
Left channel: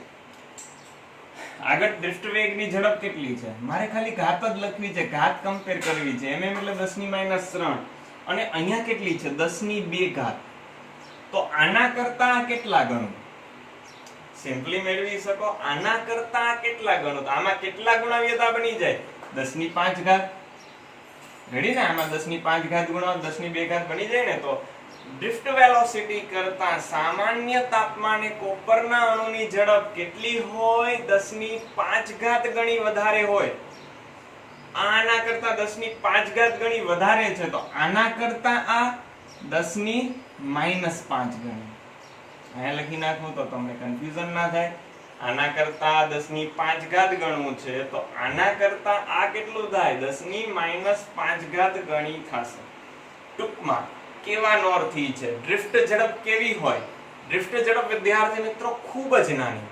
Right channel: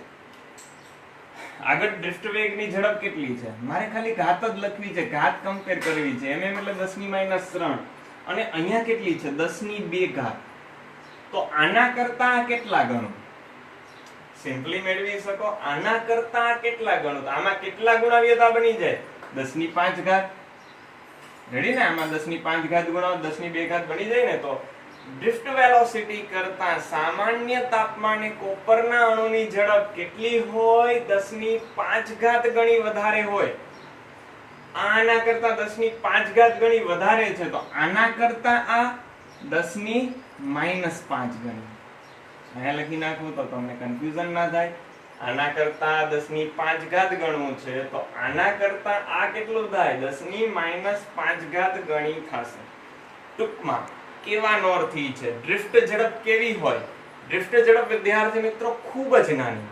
આગળ ડ્રિફ્ટ વેગની ઝડપ કેટલી છે? મારે ખાલી ઘાત જ લખવી છે, ઘાત કમ્પેર કરવી છે. mm એટલે 10⁻3 અને અહીંયા કેટલી છે? 10⁻2. તો આના કરતા કેટલા ગણું? સિમ્પલી મેળવી શકો. આના કરતા કેટલા ગણું? તો આમાં કેટલા ગુણાવ્યતા બની જાય? 10⁵. રેડી ને? આમાં 10⁵ ગુણો 10⁻2 બની જાય ને. તો ડ્રિફ્ટ વેલોસિટી કરતા સામાન્ય તાપમાને કોપરના અણુની ઝડપ કેટલી હોય? 10⁵ ગણી વધારે હોય. આના કરતા 10⁵ ગણી વધારે છે. તો આના કરતા આ 10⁻⁵ ગણી. અહીંયા લખી નાખું તો તમને કન્ફ્યુઝન ના થાય. આના કરતા 10⁵ ગણવું છે તો આના કરતા આ કેટલું થાય? 10⁻⁵ ગણી થશે. ટૂંકમાં કેવાનો અર્થ છે ડ્રિફ્ટ ઝડપ કેવી હોય? ડ્રિફ્ટ ઝડપ વિદ્યાર્થી મિત્રો ખૂબ જ નાની,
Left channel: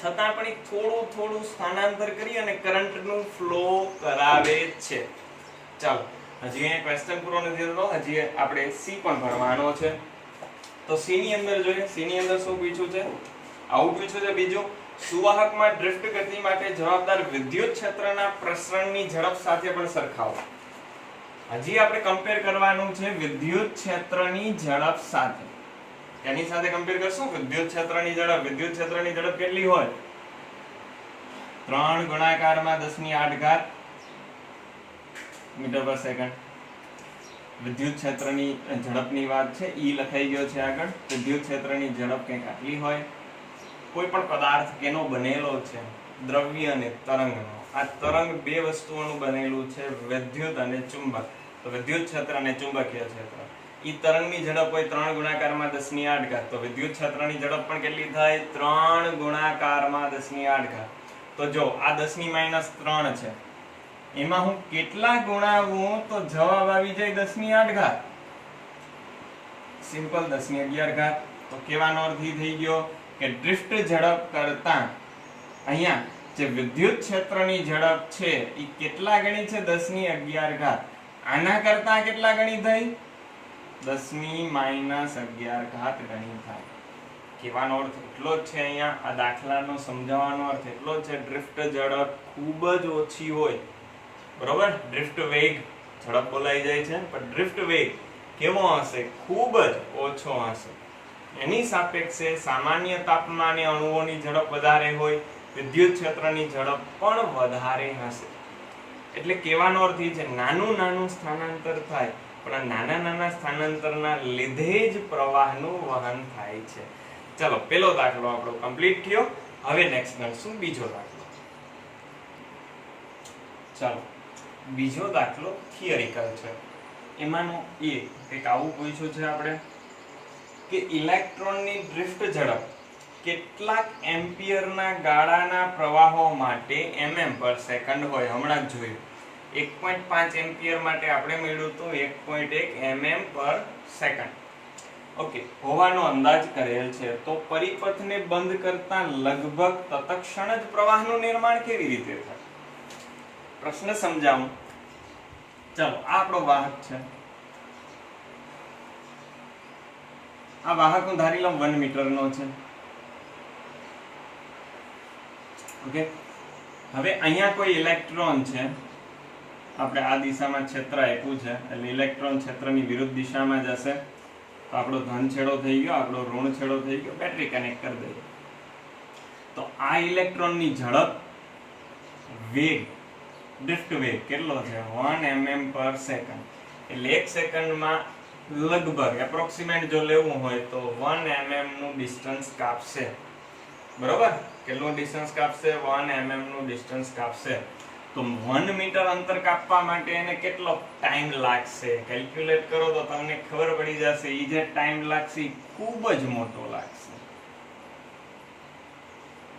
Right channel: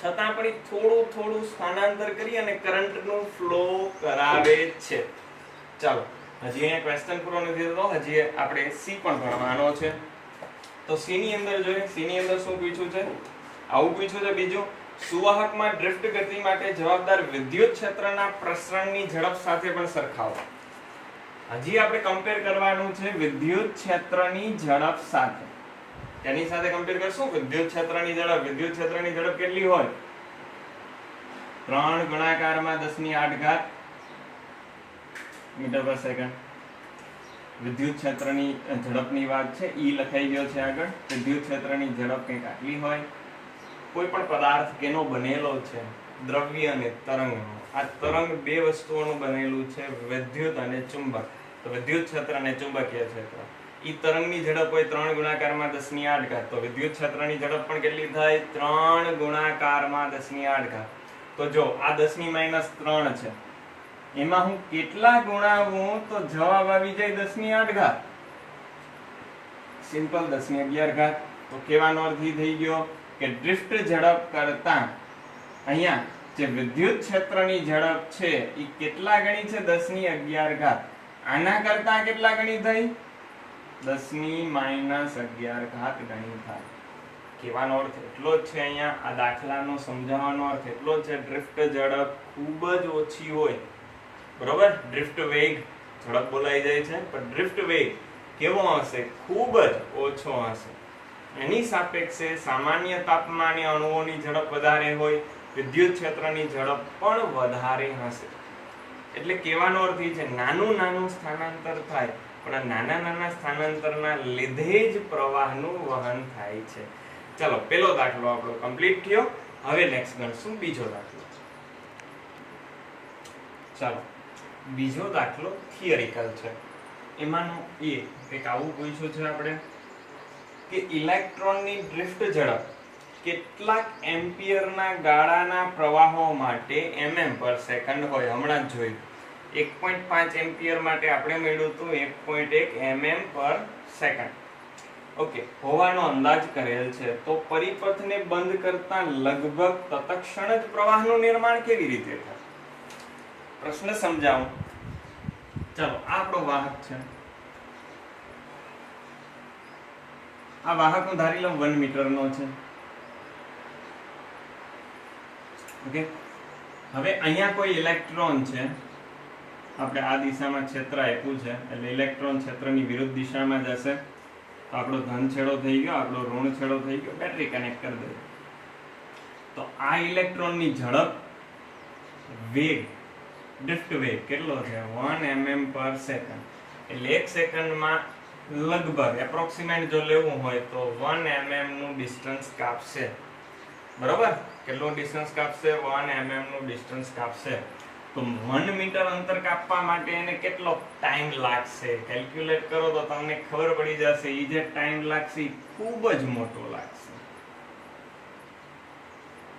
છતાં પણ થોડું થોડું સ્થાનાંતર કરી અને કરંટનું ફ્લો કરાવે છે. ચાલો, હજી અહીંયા ક્વેશ્ચન પૂરો નથી થતો. હજી આપણે સી પણ ભણવાનો છે. તો સી ની અંદર જોઈએ. સી ની અંદર શું પૂછ્યું છે? આવું પૂછ્યું છે. બીજું, સુવાહકમાં ડ્રિફ્ટ ગતિ માટે જવાબદાર વિદ્યુત ક્ષેત્રના પ્રસરણની ઝડપ સાથે પણ સરખાવો. હજી આપણે કમ્પેર કરવાનું છે વિદ્યુત ક્ષેત્રની ઝડપ સાથે. એની સાથે કમ્પેર કરશું વિદ્યુત ક્ષેત્રની ઝડપ. વિદ્યુત ક્ષેત્રની ઝડપ કેટલી હોય? 3 ગુણાકારમાં 10⁸ મીટર પર સેકન્ડ. વિદ્યુત ક્ષેત્રની ઝડપની વાત છે. ઈ લખાઈ ગયો છે આગળ. વિદ્યુત ક્ષેત્રની ઝડપ કંઈક આટલી હોય. કોઈ પણ પદાર્થ કેનો બનેલો છે? દ્રવ્ય અને તરંગનો. આ તરંગ બે વસ્તુઓનું બનેલું છે, વિદ્યુત અને ચુંબક. તો વિદ્યુત ક્ષેત્ર અને ચુંબકીય ક્ષેત્ર. ઈ તરંગની ઝડપ હોય 3 ગુણાકારમાં 10⁸. તો વિદ્યુત ક્ષેત્રની ઝડપ પણ કેટલી થાય? 3 ગુણાકારમાં 10⁸. તો જો આ 10⁻3 છે, એમાં હું કેટલા ગુણાવું તો જવાબ આવી જાય 10⁸. સિમ્પલ 10⁻11. તો કહેવાનો અર્થ એ થઈ ગયો કે ડ્રિફ્ટ ઝડપ કરતા અહીંયા જે વિદ્યુત ક્ષેત્રની ઝડપ છે એ કેટલા ગણી છે? 10⁻11. આના કરતા કેટલા ગણી થઈ? 10⁻11 ગણી થાય. કહેવાનો અર્થ એટલો જ છે. અહીંયા આ દાખલાનો સમજાવવાનો અર્થ એટલો જ છે. ડ્રિફ્ટ ઝડપ ખૂબ જ ઓછી હોય, બરોબર? ડ્રિફ્ટ વેગ ઝડપ બોલાઈ જાય છે, પણ ડ્રિફ્ટ વેગ કેવો હશે? ખૂબ જ ઓછો હશે. એની સાપેક્ષે સામાન્ય તાપમાને અણુઓની ઝડપ વધારે હોય, વિદ્યુત ક્ષેત્રની ઝડપ પણ વધારે હશે. એટલે કહેવાનો અર્થ એ છે નાનું નાનું સ્થાનાંતર થાય, પણ નાના નાના સ્થાનાંતરના લીધે જ પ્રવાહનું વહન થાય છે. ચલો, પેલો દાખલો આપણો કમ્પ્લીટ થયો. હવે નેક્સ્ટ ગણશું બીજો દાખલો. ચાલો, બીજો દાખલો થિયરિકલ છે. એમાંનો એક આવું પૂછ્યું છે આપણે કે ઇલેક્ટ્રોનની ડ્રિફ્ટ ઝડપ કેટલાક એમ્પિયરના ગાળાના પ્રવાહો માટે mm પર સેકન્ડ હોય. હમણાં જ જોયું 1.5 એમ્પિયર માટે આપણે મેળવ્યું હતું 1.1 mm પર સેકન્ડ. ઓકે, હોવાનો અંદાજ કરેલ છે. તો પરિપથને બંધ કરતા લગભગ તત્ક્ષણ જ પ્રવાહનું નિર્માણ કેવી રીતે થાય? પ્રશ્ન સમજાવું. ચાલો, આ આપણો વાહક છે. આ વાહક હું ધારી લઉં 1 મીટરનો છે. ઓકે, હવે અહીંયા કોઈ ઇલેક્ટ્રોન છે. આપણે આ દિશામાં ક્ષેત્ર આપ્યું છે એટલે ઇલેક્ટ્રોન ક્ષેત્રની વિરુદ્ધ દિશામાં જશે. તો આપણો ધન છેડો થઈ ગયો, આપણો ઋણ છેડો થઈ ગયો. બેટરી કનેક્ટ કરી દઈએ. તો આ ઇલેક્ટ્રોનની ઝડપ વેગ ડ્રિફ્ટ વેગ કેટલો છે 1 mm પર સેકન્ડ એટલે 1 સેકન્ડમાં લગભગ એપ્રોક્સિમેટ જો લેવું હોય તો 1 mm નું ડિસ્ટન્સ કાપશે બરોબર કેટલું ડિસ્ટન્સ કાપશે 1 mm નું ડિસ્ટન્સ કાપશે તો 1 મીટર અંતર કાપવા માટે એને કેટલો ટાઈમ લાગશે કેલ્ક્યુલેટ કરો તો તમને ખબર પડી જશે ઈ જે ટાઈમ લાગશે ખૂબ જ મોટો લાગશે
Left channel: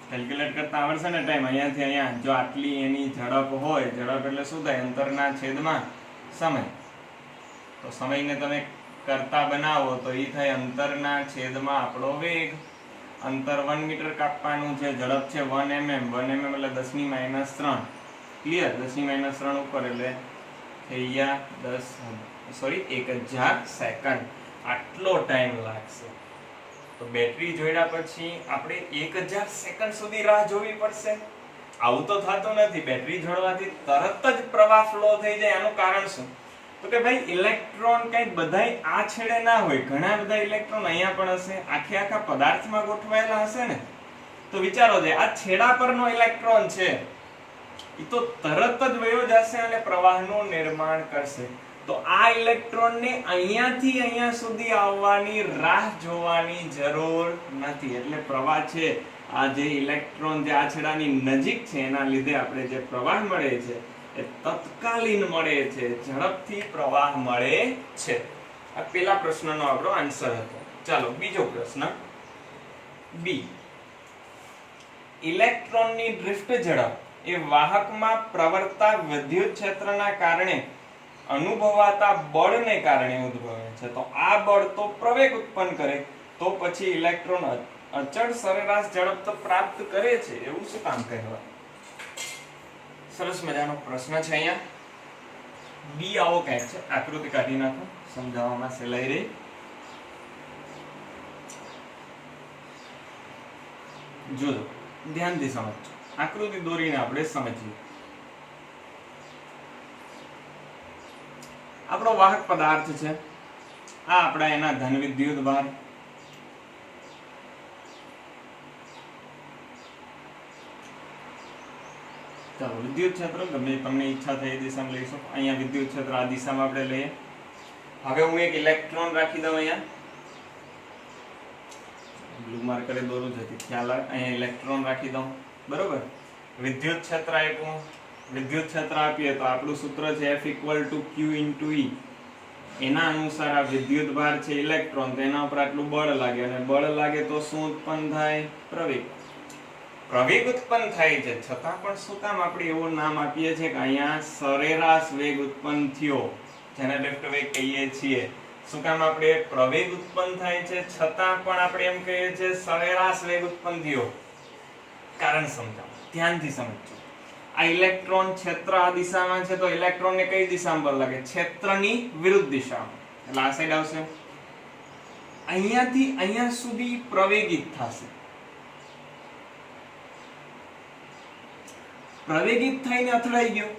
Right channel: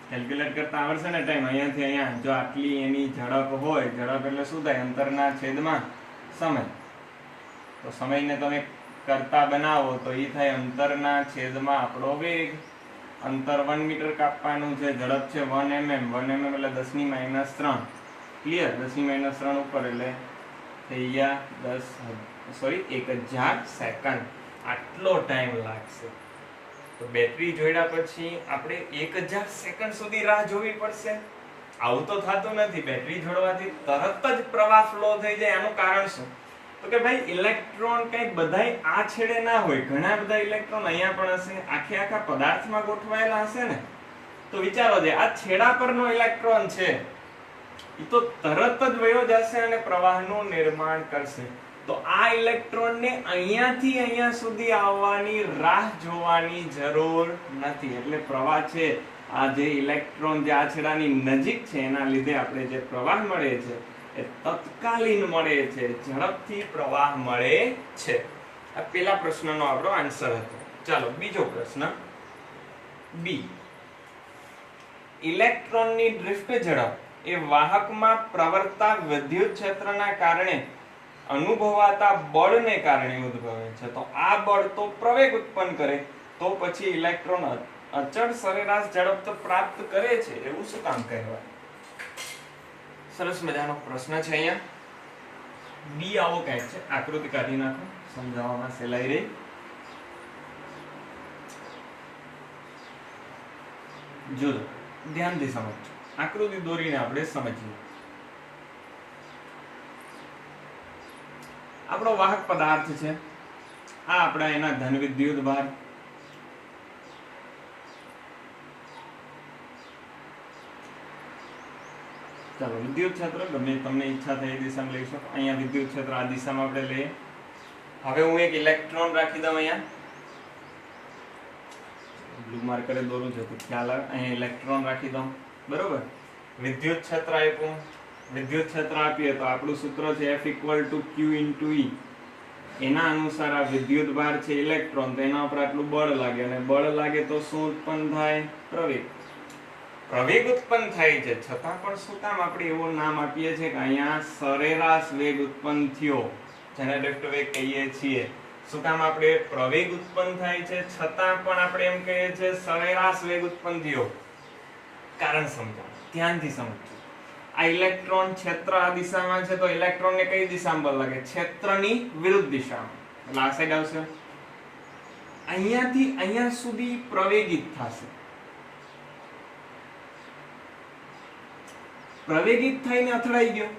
કેલ્ક્યુલેટ કરતા આવડશે ને ટાઈમ અહીંયાથી અહીંયા જો આટલી એની ઝડપ હોય ઝડપ એટલે શું થાય અંતરના છેદમાં સમય તો સમયને તમે કરતા બનાવો તો ઈ થાય અંતરના છેદમાં આપણો વેગ અંતર 1 મીટર કાપવાનું છે ઝડપ છે 1 mm 1 mm એટલે 10⁻³ ક્લિયર 10⁻³ ઉપર એટલે થઈ ગયા 1000 સેકન્ડ આટલો ટાઈમ લાગશે તો બેટરી જોડ્યા પછી આપણે 1000 સેકન્ડ સુધી રાહ જોવી પડશે આવું તો થતું નથી બેટરી જોડવાથી તરત જ પ્રવાહ ફ્લો થઈ જાય એનું કારણ શું તો કે ભાઈ ઇલેક્ટ્રોન કઈ બધાય આ છેડે ના હોય ઘણા બધા ઇલેક્ટ્રોન અહીંયા પણ હશે આખા પદાર્થમાં ગોઠવાયેલા હશે ને તો વિચારો છે આ છેડા પરનો ઇલેક્ટ્રોન છે ઈ તો તરત જ વયો જશે અને પ્રવાહનું નિર્માણ કરશે તો આ ઇલેક્ટ્રોનને અહીંયાથી અહીંયા સુધી આવવાની રાહ જોવાની જરૂર નથી એટલે પ્રવાહ છે આ જે ઇલેક્ટ્રોન જે આ છેડાની નજીક છે એના લીધે આપણે જે પ્રવાહ મળે છે એ તત્કાલીન મળે છે ઝડપથી પ્રવાહ મળે છે આ પહેલા પ્રશ્નનો આપણો આન્સર હતો ચાલો બીજો પ્રશ્ન બી ઇલેક્ટ્રોનની ડ્રિફ્ટ ઝડપ એ વાહકમાં પ્રવર્તતા વિદ્યુત ક્ષેત્રના કારણે અનુભવાતા બળને કારણે ઉદ્ભવે છે તો આ બળ તો પ્રવેગ ઉત્પન્ન કરે તો પછી ઇલેક્ટ્રોન અચળ સરેરાશ ઝડપ તો પ્રાપ્ત કરે છે એવું શું કામ કહેવાય સરસ મજાનો પ્રશ્ન છે અહીંયા બી આવો કંઈક છે આકૃતિ કાઢી નાખો સમજાવવામાં સહેલાઈ રહી જોજો ધ્યાનથી સમજજો આકૃતિ દોરીને આપણે સમજીએ આપણો વાહક પદાર્થ છે આ આપણા એના ધન વિદ્યુત ભાર ચાલો વિદ્યુત ક્ષેત્ર ગમે તમને ઈચ્છા થઈ એ દિશામાં લઈ શકો અહીંયા વિદ્યુત ક્ષેત્ર આ દિશામાં આપણે લઈએ હવે હું એક ઇલેક્ટ્રોન રાખી દઉં અહીંયા બ્લુ માર્કરે દોરું છે ખ્યાલ આવે અહીંયા ઇલેક્ટ્રોન રાખી દઉં બરોબર વિદ્યુત ક્ષેત્ર આપ્યું વિદ્યુત ક્ષેત્ર આપીએ તો આપણું સૂત્ર છે F = Q × E એના અનુસાર આ વિદ્યુત ભાર છે ઇલેક્ટ્રોન તો એના ઉપર આટલું બળ લાગે અને બળ લાગે તો શું ઉત્પન્ન થાય પ્રવેગ ઉત્પન્ન થાય છે છતાં પણ શું કામ આપણે એવું નામ આપીએ છીએ કે અહીંયા સરેરાશ વેગ ઉત્પન્ન થયો જેને ડ્રિફ્ટ વેગ કહીએ છીએ શું કામ આપણે પ્રવેગ ઉત્પન્ન થાય છે છતાં પણ આપણે એમ કહીએ છીએ સરેરાશ વેગ ઉત્પન્ન થયો કારણ સમજાવો ધ્યાનથી સમજો આ ઇલેક્ટ્રોન ક્ષેત્ર આ દિશામાં છે તો ઇલેક્ટ્રોનને કઈ દિશામાં બળ લાગે ક્ષેત્રની વિરુદ્ધ દિશામાં એટલે આ સાઈડ આવશે અહીંયાથી અહીંયા સુધી પ્રવેગિત થશે પ્રવેગિત થઈને અથડાઈ ગયો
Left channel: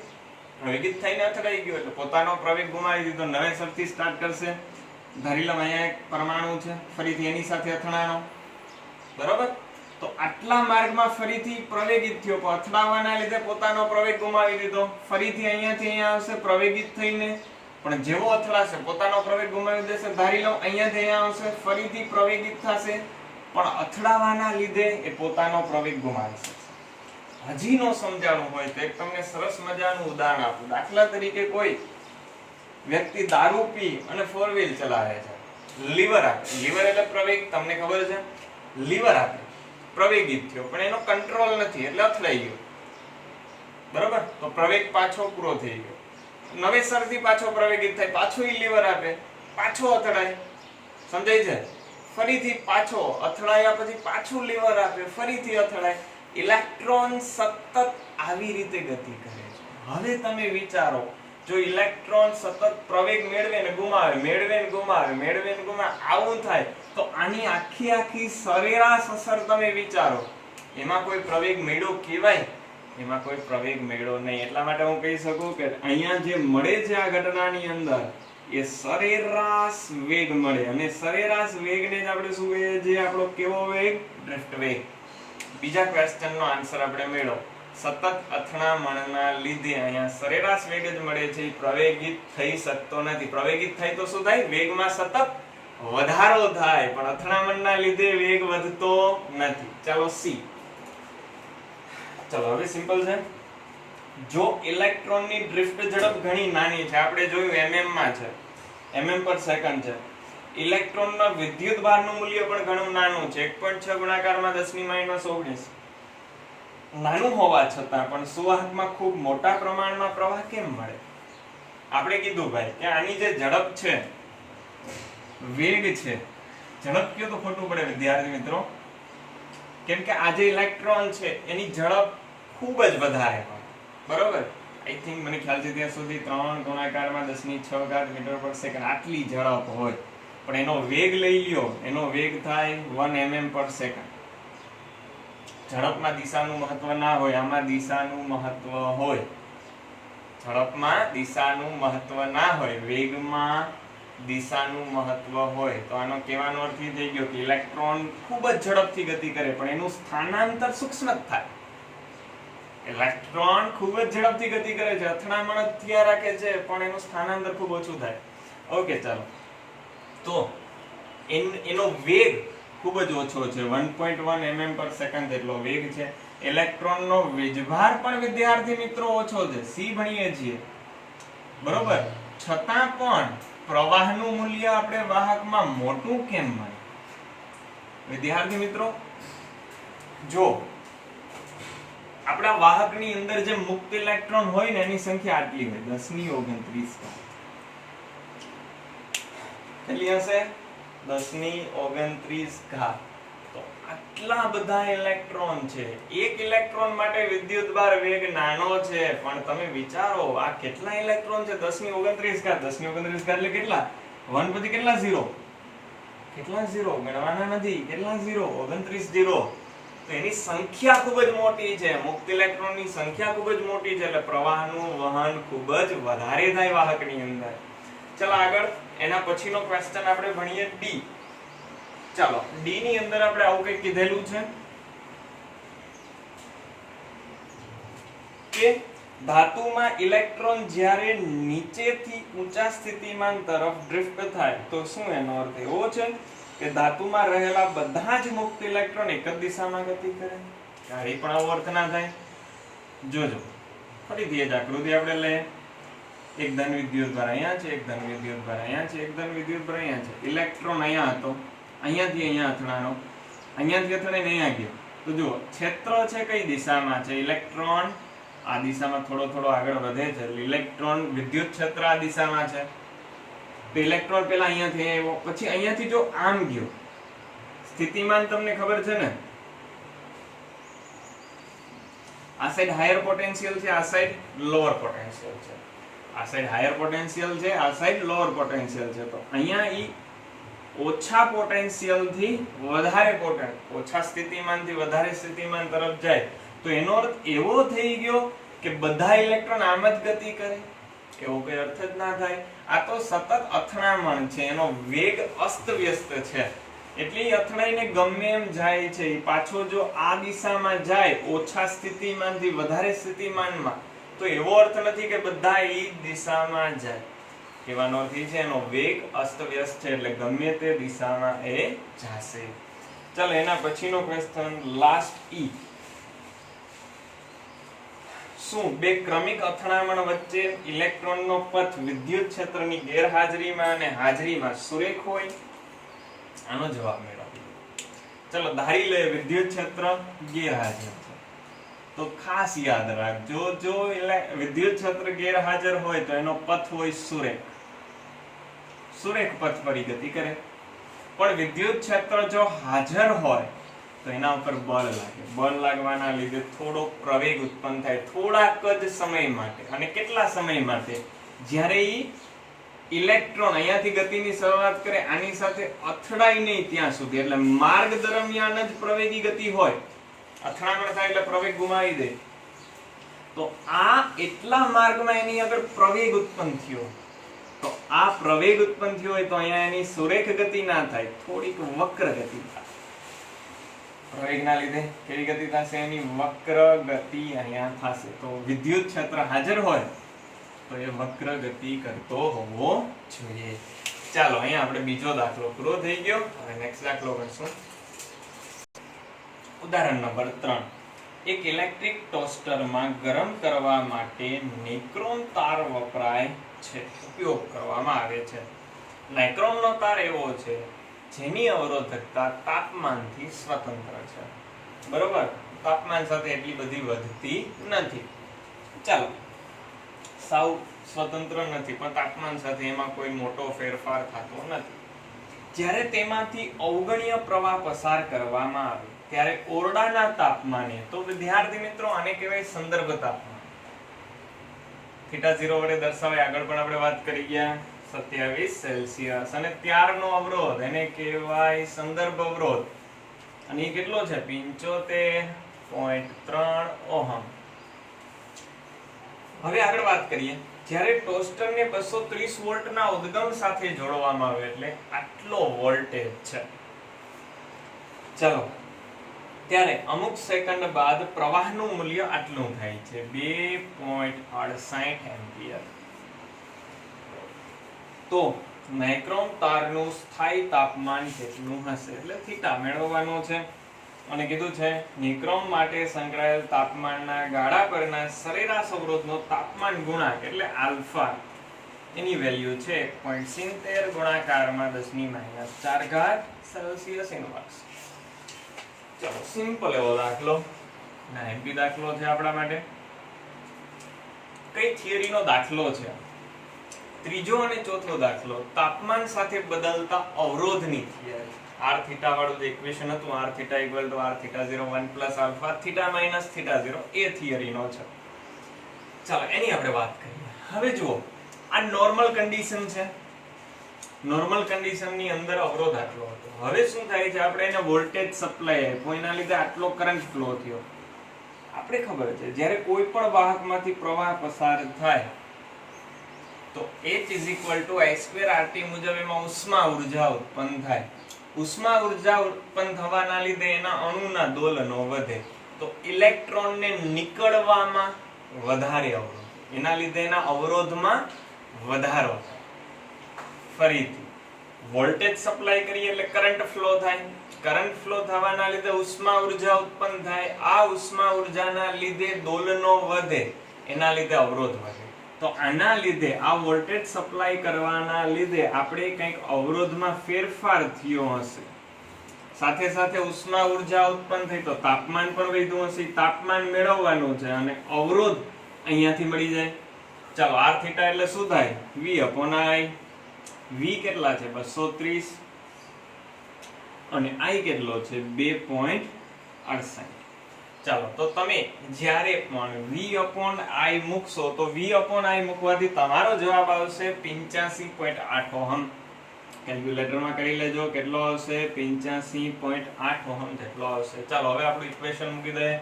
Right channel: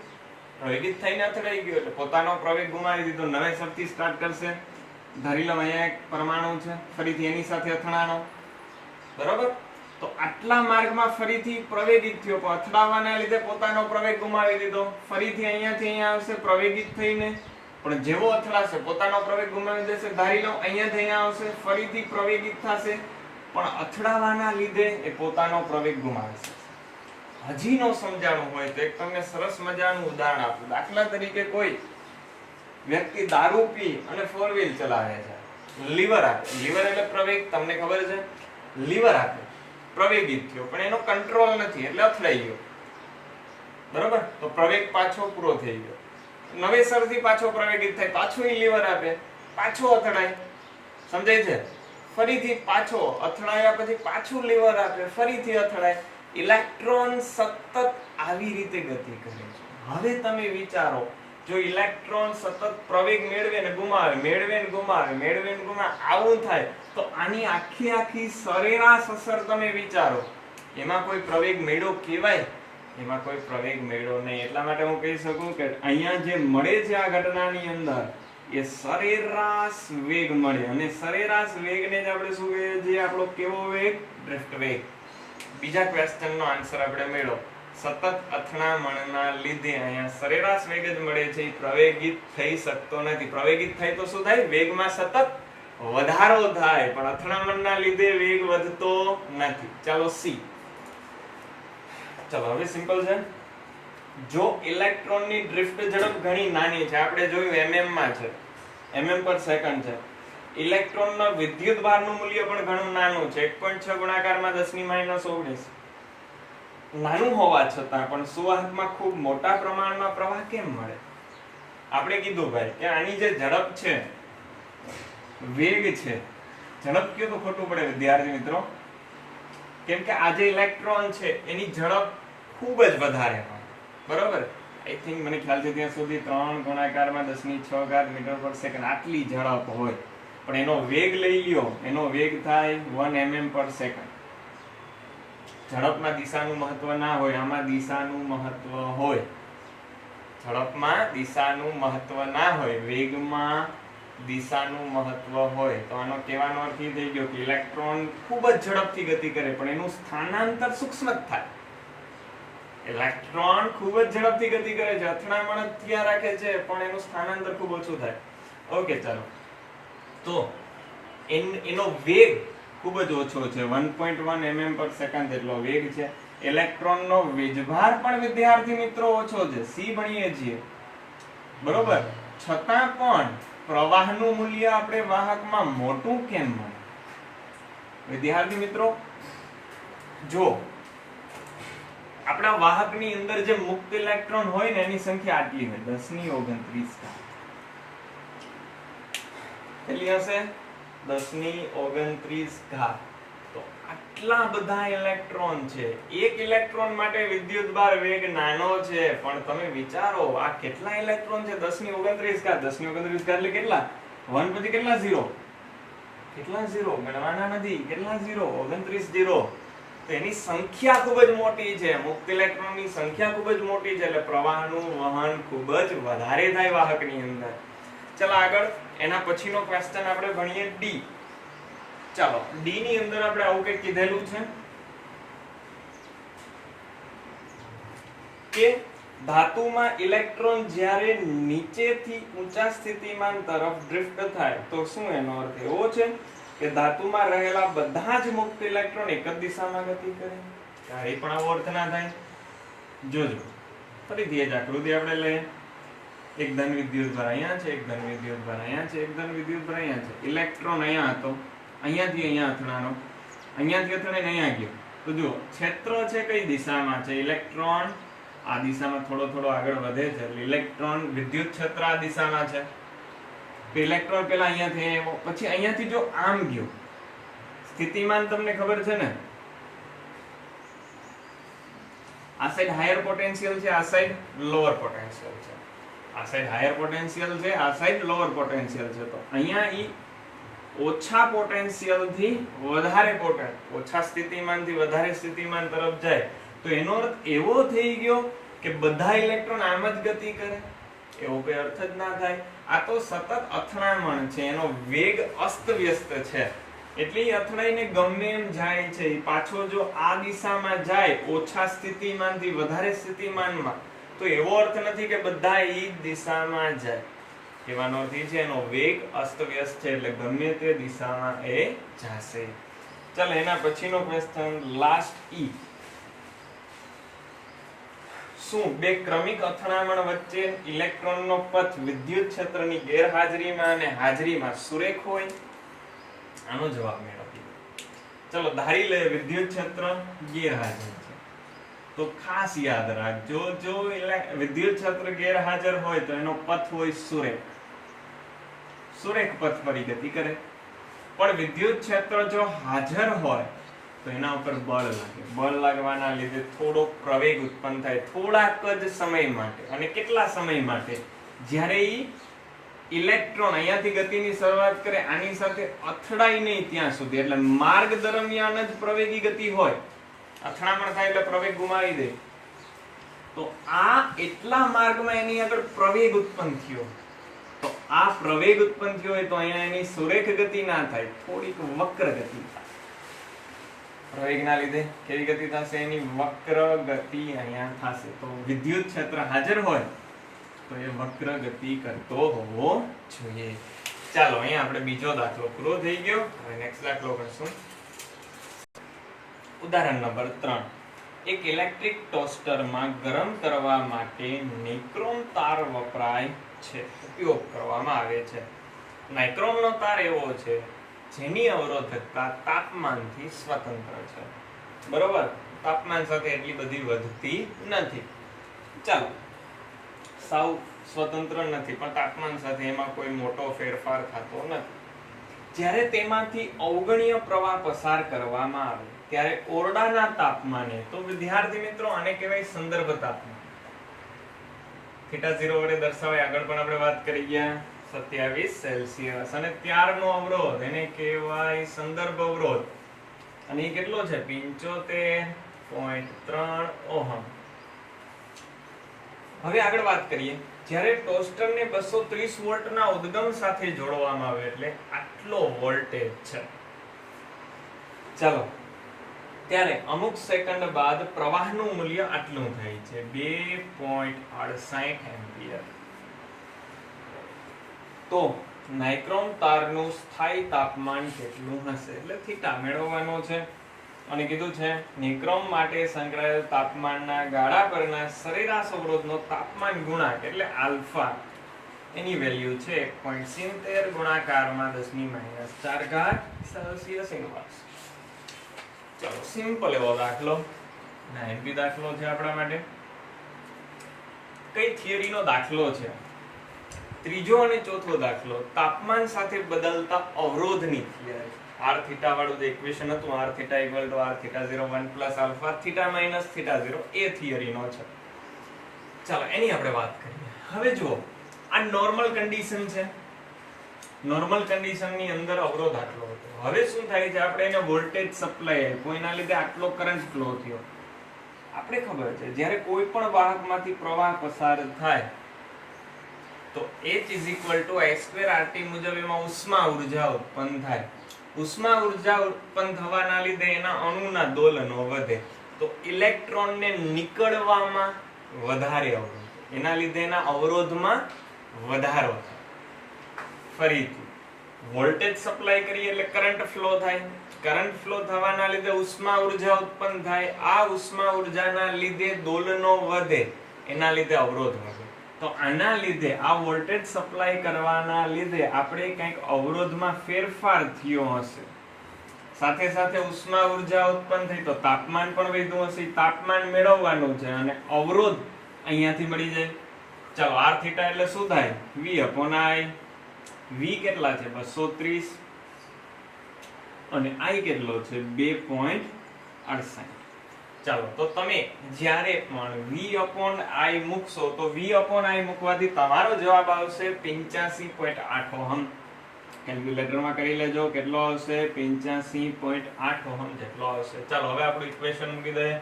એટલે પોતાનો પ્રવેગ ગુમાવી દીધો નવેસરથી સ્ટાર્ટ કરશે ધારી લો અહીંયા એક પરમાણુ છે ફરીથી એની સાથે અથડાણો બરોબર તો આટલા માર્ગમાં ફરીથી પ્રવેગિત થયો પણ અથડાવાના લીધે પોતાનો પ્રવેગ ગુમાવી દીધો ફરીથી અહીંયાથી અહીંયા આવશે પ્રવેગિત થઈને પણ જેવો અથડાશે પોતાનો પ્રવેગ ગુમાવી દેશે ધારી લો અહીંયાથી અહીંયા આવશે ફરીથી પ્રવેગિત થશે પણ અથડાવાના લીધે એ પોતાનો પ્રવેગ ગુમાવશે હજી નો સમજાવવું હોય તો એક તમને સરસ મજાનું ઉદાહરણ આપું દાખલા તરીકે કોઈ વ્યક્તિ દારૂ પી અને 4 વ્હીલ ચલાવે છે લીવર આપે લીવર એટલે પ્રવેગ તમને ખબર છે લીવર આપે પ્રવેગિત થયો પણ એનો કંટ્રોલ નથી એટલે અથડાઈ ગયો બરોબર તો પ્રવેગ પાછો પૂરો થઈ ગયો નવેસરથી પાછો પ્રવેગિત થાય પાછો ઈ લીવર આપે પાછો અથડાય સમજાય છે ફરીથી પાછો અથડાયા પછી પાછું લીવર આપે ફરીથી અથડાય ઇલેક્ટ્રોન સતત આવી રીતે ગતિ કરે છે હવે તમે વિચારો જો ઇલેક્ટ્રોન સતત પ્રવેગ મેળવે ને ગુમાવે આવું થાય તો આની આખી સરેરાશ અસર તમે વિચારો એમાં કોઈ પ્રવેગ મેળો કહેવાય એમાં કોઈ પ્રવેગ મેળો નહીં એટલા માટે હું કહી શકું કે અહીંયા જે મળે છે આ ઘટનાની અંદર એ સરેરાશ વેગ મળે અને સરેરાશ વેગને જ આપણે શું કહીએ છીએ આપણો કેવો વેગ ડ્રિફ્ટ વેગ બીજા ક્વેશ્ચનનો આન્સર આપણે મેળવો. સતત અથડામણના લીધે અહીંયા સરેરાશ વેગ જ મળે છે, પ્રવેગિત થઈ શકતો નથી. પ્રવેગિત થાય તો શું થાય? વેગમાં સતત વધારો થાય, પણ અથડામણના લીધે વેગ વધતો નથી. ચાલો સી. ચાલો હવે સિમ્પલ છે. જો ઇલેક્ટ્રોનની ડ્રિફ્ટ ઝડપ ઘણી નાની છે, આપણે જોયું mm માં છે, mm પર સેકન્ડ છે. ઇલેક્ટ્રોનના વિદ્યુત ભારનું મૂલ્ય પણ ઘણું નાનું છે, 1.6 ગુણાકારમાં 10⁻19. નાનું હોવા છતાં પણ સુવાહકમાં ખૂબ મોટા પ્રમાણમાં પ્રવાહ કેમ મળે? આપણે કીધું ભાઈ કે આની જે ઝડપ છે, વેગ છે, ઝડપ કયો તો ખોટું પડે વિદ્યાર્થી મિત્રો, કેમ કે આ જે ઇલેક્ટ્રોન છે એની ઝડપ ખૂબ જ વધારે હોય, બરોબર. આઈ થિંક મને ખ્યાલ છે ત્યાં સુધી 3 ગુણાકારમાં 10⁶ મીટર પર સેકન્ડ આટલી ઝડપ હોય, પણ એનો વેગ લઈ લ્યો, એનો વેગ થાય 1 mm પર સેકન્ડ. ઝડપમાં દિશાનું મહત્વ ના હોય, આમાં દિશાનું મહત્વ હોય. ઝડપમાં દિશાનું મહત્વ ના હોય, વેગમાં દિશાનું મહત્વ હોય. તો આનો કહેવાનો અર્થ એ થઈ ગયો કે ઇલેક્ટ્રોન ખૂબ જ ઝડપથી ગતિ કરે, પણ એનું સ્થાનાંતર સૂક્ષ્મ જ થાય. ઇલેક્ટ્રોન ખૂબ જ ઝડપથી ગતિ કરે છે, અથડામણ થયા રાખે છે, પણ એનું સ્થાનાંતર ખૂબ ઓછું થાય. ઓકે, ચાલો. તો એનો વેગ ખૂબ જ ઓછો છે, 1.1 mm પર સેકન્ડ જેટલો વેગ છે. ઇલેક્ટ્રોનનો વીજભાર પણ વિદ્યાર્થી મિત્રો ઓછો છે, સી ભણીએ છીએ, બરોબર. છતાં પણ પ્રવાહનું મૂલ્ય આપણે વાહકમાં મોટું કેમ મળે? વિદ્યાર્થી મિત્રો, જો આપણા વાહકની અંદર જે મુક્ત ઇલેક્ટ્રોન હોય ને એની સંખ્યા આટલી હોય, 10⁻29. કેટલી હશે? 10⁻29. તો આટલા બધા ઇલેક્ટ્રોન છે. એક ઇલેક્ટ્રોન માટે વિદ્યુતભાર વેગ નાનો છે, પણ તમે વિચારો આ કેટલા ઇલેક્ટ્રોન છે? 10⁻29. 10⁻29 એટલે કેટલા? 1 પછી કેટલા 0? કેટલા 0? ગણવાના નથી. કેટલા 0? 29 0. તો એની સંખ્યા ખૂબ જ મોટી છે, મુક્ત ઇલેક્ટ્રોનની સંખ્યા ખૂબ જ મોટી છે, એટલે પ્રવાહનું વહન ખૂબ જ વધારે થાય વાહકની અંદર. ચાલો આગળ, એના પછીનો ક્વેશ્ચન આપણે ભણીએ ડી. ચાલો ડી ની અંદર આપણે આવું કંઈક કીધેલું છે કે ધાતુમાં ઇલેક્ટ્રોન જ્યારે નીચેથી ઊંચા સ્થિતિમાન તરફ ડ્રિફ્ટ થાય તો શું એનો અર્થ એવો છે કે ધાતુમાં રહેલા બધા જ મુક્ત ઇલેક્ટ્રોન એક જ દિશામાં ગતિ કરે? ક્યારેય પણ આવો અર્થ ના થાય. જોજો ફરીથી એ જ આકૃતિ આપણે લઈએ. એક ધન વિદ્યુતભાર અહીંયા છે, એક ધન વિદ્યુતભાર અહીંયા છે, એક ધન વિદ્યુતભાર અહીંયા છે. ઇલેક્ટ્રોન અહીંયા હતો, અહીંયાથી અહીંયા અથડાણો, અહીંયાથી અથડાઈને અહીંયા ગયો. તો જુઓ ક્ષેત્ર છે કઈ દિશામાં છે? ઇલેક્ટ્રોન આ દિશામાં થોડો થોડો આગળ વધે છે, એટલે ઇલેક્ટ્રોન વિદ્યુત ક્ષેત્ર આ દિશામાં છે. તો ઇલેક્ટ્રોન પહેલા અહીંયાથી આવ્યો, પછી અહીંયાથી જો આમ ગયો, સ્થિતિમાન તમને ખબર છે ને, આ સાઈડ હાયર પોટેન્શિયલ છે, આ સાઈડ લોઅર પોટેન્શિયલ છે. આ સાઈડ હાયર પોટેન્શિયલ છે, આ સાઈડ લોઅર પોટેન્શિયલ છે. તો અહીંયા ઈ ઓછા પોટેન્શિયલ થી વધારે ઓછા સ્થિતિમાનથી વધારે સ્થિતિમાન તરફ જાય. તો એનો અર્થ એવો થઈ ગયો કે બધા ઇલેક્ટ્રોન આમ જ ગતિ કરે? એવો કોઈ અર્થ જ ના થાય. આ તો સતત અથડામણ છે, એનો વેગ અસ્તવ્યસ્ત છે, એટલે અથડાઈને ગમે એમ જાય છે. પાછો જો આ દિશામાં જાય ઓછા સ્થિતિમાનથી વધારે સ્થિતિમાનમાં, તો એવો અર્થ નથી કે બધા એ દિશામાં જાય. કહેવાનો અર્થ છે એનો વેગ અસ્તવ્યસ્ત છે, એટલે ગમે તે દિશામાં એ જશે. ચાલો એના પછીનો ક્વેશ્ચન લાસ્ટ ઈ. શું બે ક્રમિક અથડામણ વચ્ચે ઇલેક્ટ્રોનનો પથ વિદ્યુત ક્ષેત્રની ગેરહાજરીમાં અને હાજરીમાં સુરેખ હોય? આનો જવાબ મેળવો. ચલો ધારી લે વિદ્યુત ક્ષેત્ર ગેરહાજર છે, તો ખાસ યાદ રાખજો, જો વિદ્યુત ક્ષેત્ર ગેરહાજર હોય તો એનો પથ હોય સુરેખ. સુરેખ પથ પર ગતિ કરે. પણ વિદ્યુત ક્ષેત્ર જો હાજર હોય તો એના ઉપર બળ લાગે. બળ લાગવાના લીધે થોડો પ્રવેગ ઉત્પન્ન થાય, થોડાક જ સમય માટે. અને કેટલા સમય માટે? જ્યારે ઈ ઇલેક્ટ્રોન અહીંયાથી ગતિની શરૂઆત કરે, આની સાથે અથડાય નહીં ત્યાં સુધી, એટલે માર્ગ દરમિયાન જ પ્રવેગી ગતિ હોય. અથડામણ થાય એટલે પ્રવેગ ગુમાવી દે. તો આ એટલા માર્ગમાં એની આગળ પ્રવેગ ઉત્પન્ન થયો, તો આ પ્રવેગ ઉત્પન્ન થયો હોય તો અહીંયા એની સુરેખ ગતિ ના થાય, થોડીક વક્ર ગતિ થાય. પ્રવેગના લીધે કેવી ગતિ થશે? એની વક્ર ગતિ અહીંયા થશે. તો વિદ્યુત ક્ષેત્ર હાજર હોય તો એ વક્ર ગતિ કરતો હોવો જોઈએ. ચાલો અહીંયા આપણે બીજો દાખલો પૂરો થઈ ગયો. હવે નેક્સ્ટ દાખલો કરશું. ઉદાહરણ નંબર 3. એક ઇલેક્ટ્રિક ટોસ્ટરમાં ગરમ કરવા માટે નિક્રોમ તાર વપરાય છે, ઉપયોગ કરવામાં આવે છે. નાઇક્રોમનો તાર એવો છે જેની અવરોધકતા તાપમાનથી સ્વતંત્ર છે. બરોબર, તાપમાન સાથે એટલી બધી વધતી નથી. ચાલો, સાવ સ્વતંત્ર નથી પણ તાપમાન સાથે એમાં કોઈ મોટો ફેરફાર થતો નથી. જ્યારે તેમાંથી અવગણ્ય પ્રવાહ પસાર કરવામાં આવે ત્યારે ઓરડાના તાપમાને, તો વિદ્યાર્થી મિત્રો આને કહેવાય સંદર્ભ તાપમાન. θ0 વડે દર્શાવાય. આગળ પણ આપણે વાત કરી ગયા 27 સેલ્સિયસ. અને ત્યારનો અવરોધ એને કહેવાય સંદર્ભ અવરોધ. અને એ કેટલો છે? 75.3 ઓહમ. હવે આગળ વાત કરીએ. જ્યારે ટોસ્ટરને 230 વોલ્ટના ઉદ્ગમ સાથે જોડવામાં આવે એટલે આટલો વોલ્ટેજ છે. ચાલો, ત્યારે અમુક સેકન્ડ બાદ પ્રવાહનું મૂલ્ય આટલું થાય છે 2.68 એમ્પિયર. તો નાઇક્રોમ તારનું સ્થાયી તાપમાન કેટલું હશે? એટલે થીટા મેળવવાનો છે. અને કીધું છે નિક્રોમ માટે સંકળાયેલ તાપમાનના ગાળા પરના સરેરાશ અવરોધનો તાપમાન ગુણાંક એટલે આલ્ફા, એની વેલ્યુ છે 1.70 ગુણાકારમાં 10⁻⁴ સેલ્સિયસ ઇન્વર્સ. ચલો, સિમ્પલ એવો દાખલો, નાઇન્ટી દાખલો છે આપણા માટે. કઈ થિયરીનો દાખલો છે? ત્રીજો અને ચોથો દાખલો તાપમાન સાથે બદલતા અવરોધની થિયરી. r θ વાળું જે ઇક્વેશન હતું, r θ = r θ0 1 + આલ્ફા θ - θ0, એ થિયરીનો છે. ચાલો એની આપણે વાત કરીએ. હવે જુઓ, આ નોર્મલ કન્ડિશન છે. નોર્મલ કન્ડિશનની અંદર અવરોધ આટલો હતો. હવે શું થાય છે? આપણે એને વોલ્ટેજ સપ્લાય આપ્યો, એના લીધે આટલો કરંટ ફ્લો થયો. આપણે ખબર છે જ્યારે કોઈ પણ વાહકમાંથી પ્રવાહ પસાર થાય તો H = I2RT મુજબ એમાં ઉષ્મા ઉર્જા ઉત્પન્ન થાય. ઉષ્મા ઉર્જા ઉત્પન્ન થવાના લીધે એના અણુના દોલનો વધે. તો ઇલેક્ટ્રોનને નીકળવામાં વધારે અવરોધ, એના લીધે એના અવરોધમાં વધારો થાય. ફરીથી વોલ્ટેજ સપ્લાય કરીએ એટલે કરંટ ફ્લો થાય. કરંટ ફ્લો થવાના લીધે ઉષ્મા ઉર્જા ઉત્પન્ન થાય. આ ઉષ્મા ઉર્જાના લીધે દોલનો વધે, એના લીધે અવરોધ વધે. તો આના લીધે આ વોલ્ટેજ સપ્લાય કરવાના લીધે આપણે કંઈક અવરોધમાં ફેરફાર થયો હશે. સાથે સાથે ઉષ્મા ઉર્જા ઉત્પન્ન થઈ તો તાપમાન પણ વધ્યું હશે. તાપમાન મેળવવાનું છે અને અવરોધ અહીંયાથી મળી જાય. ચાલો, r θ એટલે શું થાય? v/i. v કેટલા છે? 230. અને i કેટલો છે? 2.68. ચાલો, તો તમે જ્યારે પણ v/i મૂકશો તો v/i મૂકવાથી તમારો જવાબ આવશે 85.8 ઓહમ. કેલ્ક્યુલેટરમાં કરી લેજો કેટલો આવશે? 85.8 ઓહમ જેટલો આવશે. ચાલો હવે આપણું ઇક્વેશન મૂકી દઈએ.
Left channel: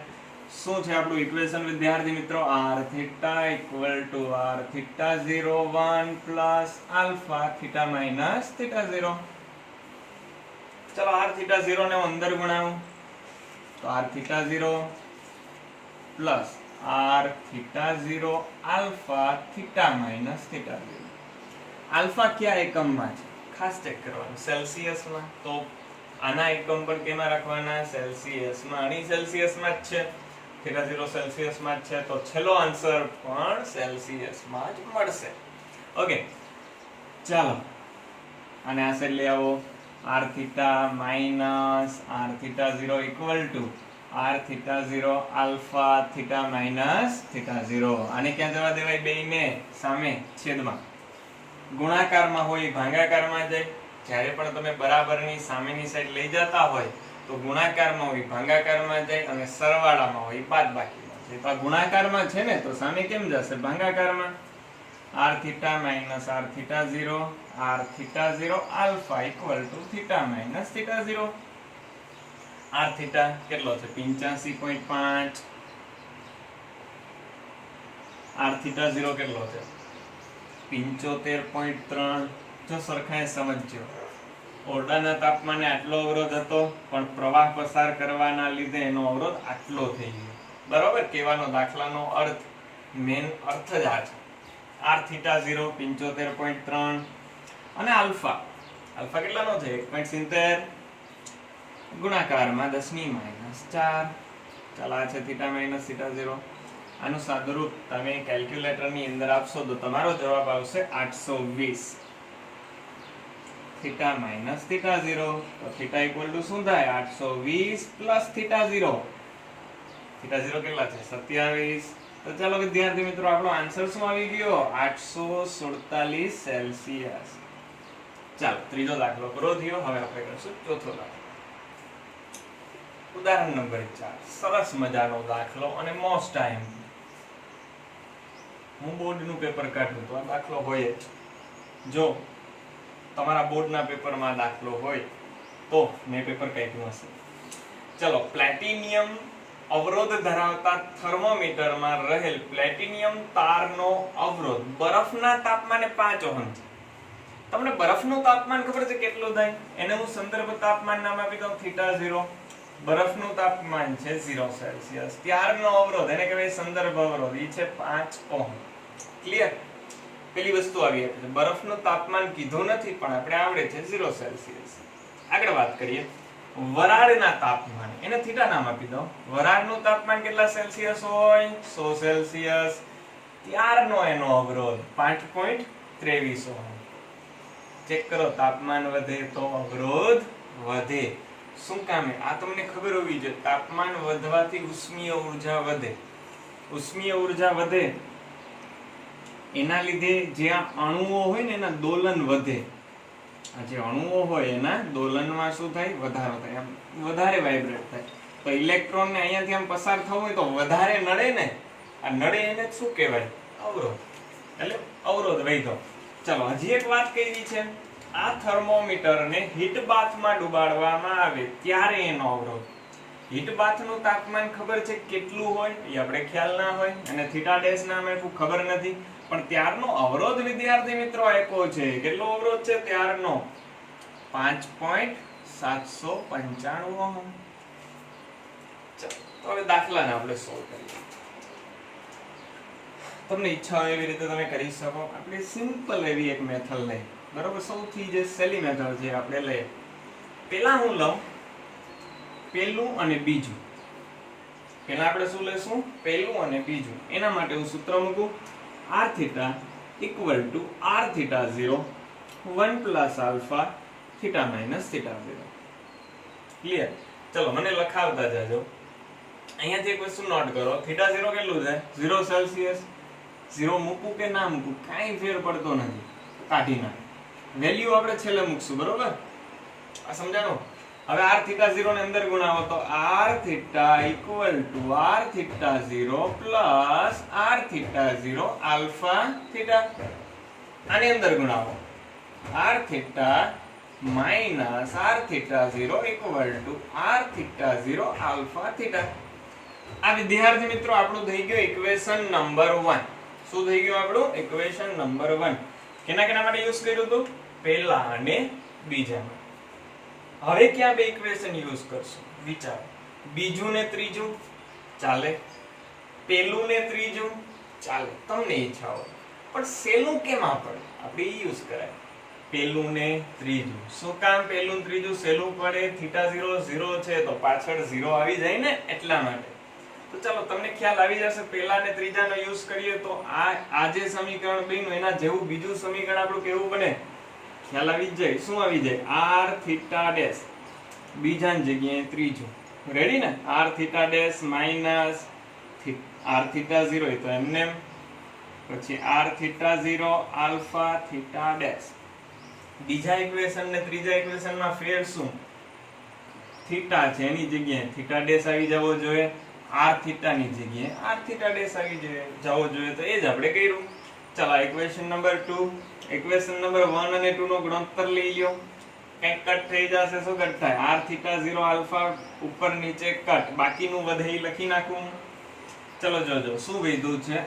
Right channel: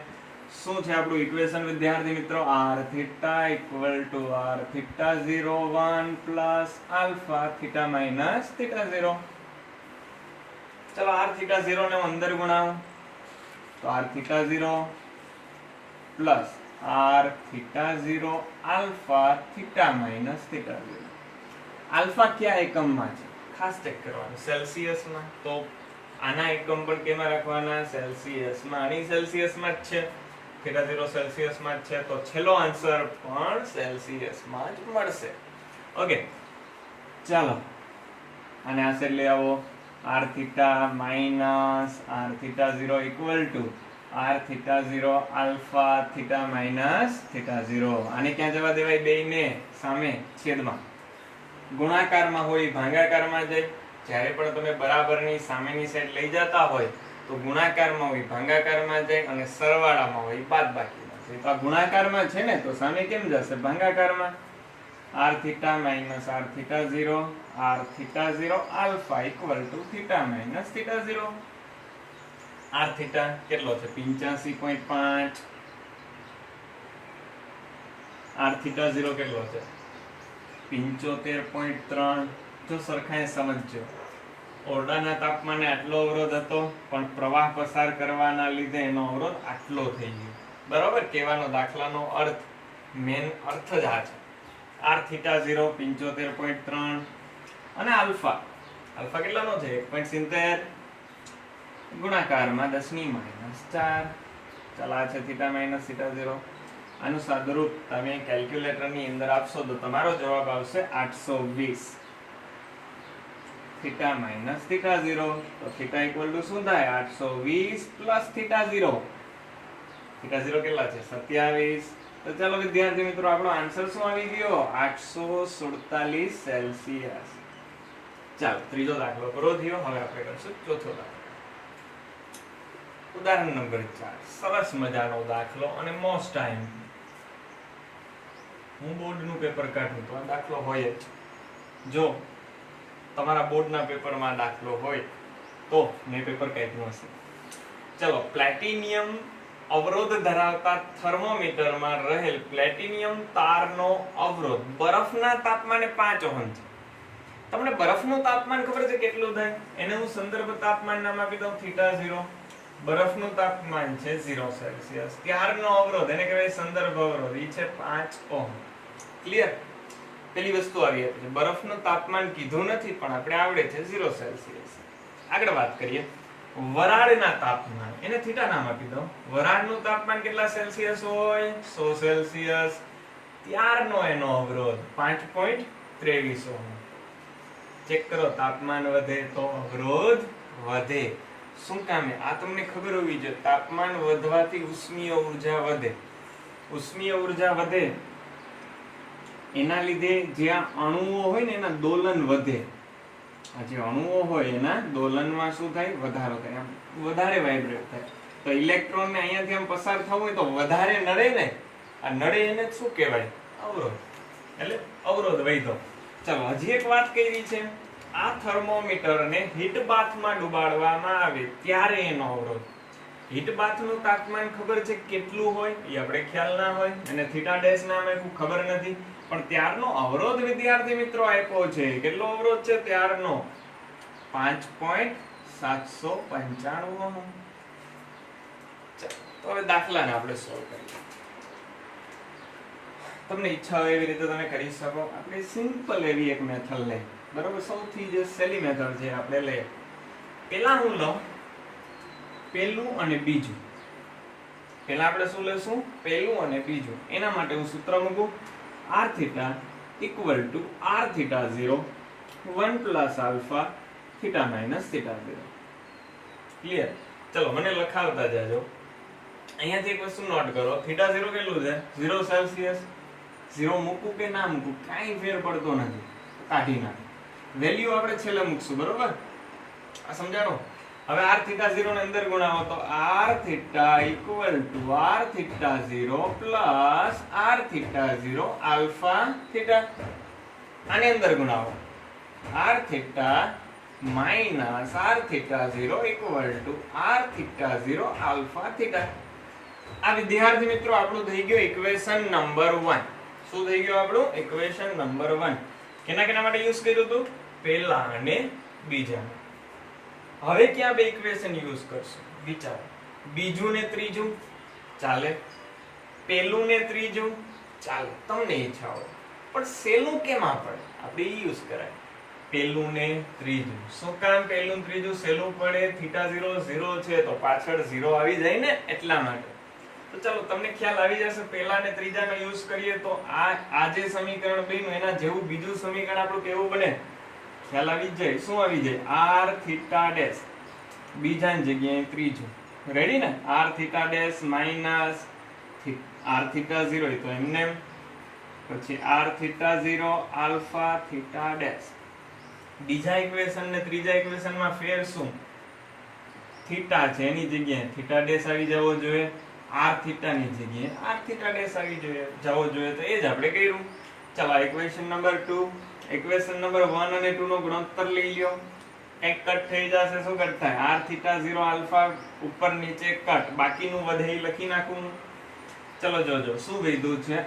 શું છે આપણું ઇક્વેશન વિદ્યાર્થી મિત્રો? r θ = r θ0 1 + alpha θ - θ0. ચાલો, r θ0 ને હું અંદર ગુણાવું તો r θ0 plus r θ0 alpha θ - θ0. Alpha કયા એકમમાં છે? ખાસ ચેક કરવાનું, સેલ્સિયસમાં. તો આના એકમ પણ કેમાં રાખવાના? સેલ્સિયસમાં. આની સેલ્સિયસમાં જ છે, θ0 સેલ્સિયસમાં જ છે. તો છેલ્લો આન્સર પણ સેલ્સિયસમાં જ મળશે. ઓકે, ચાલો આને આ સાઈડ લઈ આવો. r θ - r θ0 = r θ0 alpha θ - θ0. આને ક્યાં જવા દેવાય? બેયને સામે છેદમાં. ગુણાકારમાં હોય ભાગાકારમાં જાય. જ્યારે પણ તમે બરાબરની સામેની સાઈડ લઈ જતા હોય તો ગુણાકારમાં હોય ભાગાકારમાં જાય, અને સરવાળામાં હોય બાદબાકીમાં જાય. તો આ ગુણાકારમાં છે ને, તો સામે કેમ જશે? ભાગાકારમાં. r θ - r θ0 r θ0 alpha = θ - θ0. r θ કેટલો છે? 85.5. r θ0 કેટલો છે? 75.3. જો સરખાએ સમજજો. ઓરડાના તાપમાને આટલો અવરોધ હતો, પણ પ્રવાહ પસાર કરવાના લીધે એનો અવરોધ આટલો થઈ ગયો. બરાબર, કહેવાનો દાખલાનો અર્થ, મેન અર્થ જ આ છે. r થીટા 0 75.3 અને આલ્ફા કેટલાનો છે? 1.70 ગુણાકારમાં 10 ની -4. ચાલ આ છે થીટા માઈનસ થીટા 0. આનું સાદુરૂપ તમે કેલ્ક્યુલેટરની અંદર આપશો તો તમારો જવાબ આવશે 820. થીટા માઈનસ થીટા 0, તો થીટા ઇક્વલ ટુ શું થાય? 820 પ્લસ થીટા 0. થીટા 0 કેટલા છે? 27. તો ચાલો વિદ્યાર્થી મિત્રો, આપણો આન્સર શું આવી ગયો? 847 સેલ્સિયસ. ચાલો ત્રીજો દાખલો પૂરો થયો. હવે આપણે કરશું ચોથો દાખલો. ઉદાહરણ નંબર 4. સરસ મજાનો દાખલો અને મોસ્ટ ટાઈમ. હું બોર્ડનું પેપર કાઢું તો આ દાખલો હોય જ. જો તમારા બોર્ડના પેપરમાં દાખલો હોય તો મેં પેપર કાઢ્યું હશે. ચલો, પ્લેટિનિયમ અવરોધ ધરાવતા થર્મોમીટરમાં રહેલ પ્લેટિનિયમ તારનો અવરોધ બરફના તાપમાને 5 ઓહમ છે. તમને બરફનું તાપમાન ખબર છે કેટલું થાય? એને હું સંદર્ભ તાપમાન નામ આપી દઉં, થીટા 0. બરફનું તાપમાન છે 0 સેલ્સિયસ. ત્યારનો અવરોધ એને કહેવાય સંદર્ભ અવરોધ, એ છે 5 ઓહમ. ક્લિયર? પેલી વસ્તુ આવી છે, બરફનું તાપમાન કીધું નથી પણ આપણે આવડે છે 0 સેલ્સિયસ. આગળ વાત કરીએ વરાળના તાપમાન, એને થીટા નામ આપી દો. વરાળનું તાપમાન કેટલા સેલ્સિયસ હોય? 100 સેલ્સિયસ. ત્યારનો એનો અવરોધ 5.23 ઓહમ. ચેક કરો, તાપમાન વધે તો અવરોધ વધે. શું કામે? આ તમને ખબર હોવી જોઈએ. તાપમાન વધવાથી ઉષ્મીય ઊર્જા વધે. ઉષ્મીય ઊર્જા વધે એના લીધે જ્યાં અણુઓ હોય ને એના દોલન વધે. આ જે અણુઓ હોય એના દોલનમાં શું થાય? વધારો થાય, વધારે વાઇબ્રેટ થાય. તો ઇલેક્ટ્રોન ને અહીંયાથી આમ પસાર થવું હોય તો વધારે નડે ને. આ નડે એને શું કહેવાય? અવરોધ. એટલે અવરોધ વધ્યો. ચલો હજી એક વાત કરી છે. આ થર્મોમીટરને હીટ બાથમાં ડુબાડવામાં આવે ત્યારે એનો અવરોધ. હીટ બાથનું તાપમાન ખબર છે કેટલું હોય? એ આપણે ખ્યાલ ના હોય, અને થીટા ડેશ નામ આપ્યું ખબર નથી, પણ ત્યારનો અવરોધ વિદ્યાર્થી મિત્રો આપ્યો છે. કેટલો અવરોધ છે ત્યારનો? 5.795 ઓહમ. તો હવે દાખલાને આપણે સોલ્વ કરીએ. તમને ઈચ્છા હોય એવી રીતે તમે કરી શકો. આપણે સિમ્પલ એવી એક મેથડ લઈએ. બરોબર, સૌથી જે સહેલી મેથડ છે આપણે લઈએ. પહેલા હું લઉં પહેલું અને બીજું. પહેલા આપણે શું લેશું? પહેલું અને બીજું. એના માટે હું સૂત્ર મૂકું, r theta equal to r theta 0 1 plus alpha theta minus theta 0. Clear? ચલો મને લખાવતા જાજો. અહીંયાથી એક વસ્તુ નોટ કરો, થીટા 0 કેટલું છે? 0 સેલ્સિયસ. 0 મૂકું કે ના મૂકું કાંઈ ફેર પડતો નથી, કાઢી નાખ. વેલ્યુ આપણે છેલ્લે મૂકશું. બરોબર, આ સમજાણો? હવે r થીટા 0 ને અંદર ગુણાવો તો r theta equal to r theta 0 plus r theta 0 alpha theta. આને અંદર ગુણાવો, r theta minus r theta 0 equal to r theta 0 alpha theta. આ વિદ્યાર્થી મિત્રો આપણું થઈ ગયું ઇક્વેશન નંબર 1. શું થઈ ગયું આપણું? Equation number 1. કેના માટે યુઝ કર્યું હતું? પહેલા અને બીજા. હવે ક્યાં બે ઇક્વેશન યુઝ કરશું? વિચારો. બીજું ને ત્રીજું ચાલે, પહેલું ને ત્રીજું ચાલે, તમને ઈચ્છા હોય. પણ સેલું કેમ આપણે યુઝ કરાય? પહેલું ને ત્રીજું. શું કામ પહેલું ને ત્રીજું સેલું પડે? થીટા 0 0 છે તો પાછળ 0 આવી જાય ને, એટલા માટે. તો ચાલો તમને ખ્યાલ આવી જશે. પહેલા ને ત્રીજાનો યુઝ કરીએ તો આ જે સમીકરણ બન્યું એના જેવું બીજું સમીકરણ આપણું કેવું બને? ખ્યાલ આવી જ જાય. શું આવી જાય? r થીટા ડેશ, બીજાની જગ્યાએ ત્રીજું. રેડી ને? r theta dash minus r theta 0 તો એમને પછી r theta 0 alpha theta dash. બીજા ઇક્વેશન ને ત્રીજા ઇક્વેશનમાં ફેર શું? થીટા છે એની જગ્યાએ થીટા ડેશ આવી જવો જોઈએ, r થીટા ની જગ્યાએ r થીટા ડેશ આવી જવો જોઈએ. તો એ જ આપણે કર્યું. ચાલો ઇક્વેશન નંબર 2. ઇક્વેશન નંબર 1 અને 2 નો ગુણોત્તર લઈ લ્યો. કંઈક કટ થઈ જશે. શું કટ થાય? r થીટા 0 આલ્ફા ઉપર નીચે કટ, બાકીનું વધે એ લખી નાખું. ચલો જોજો શું વધ્યું છે?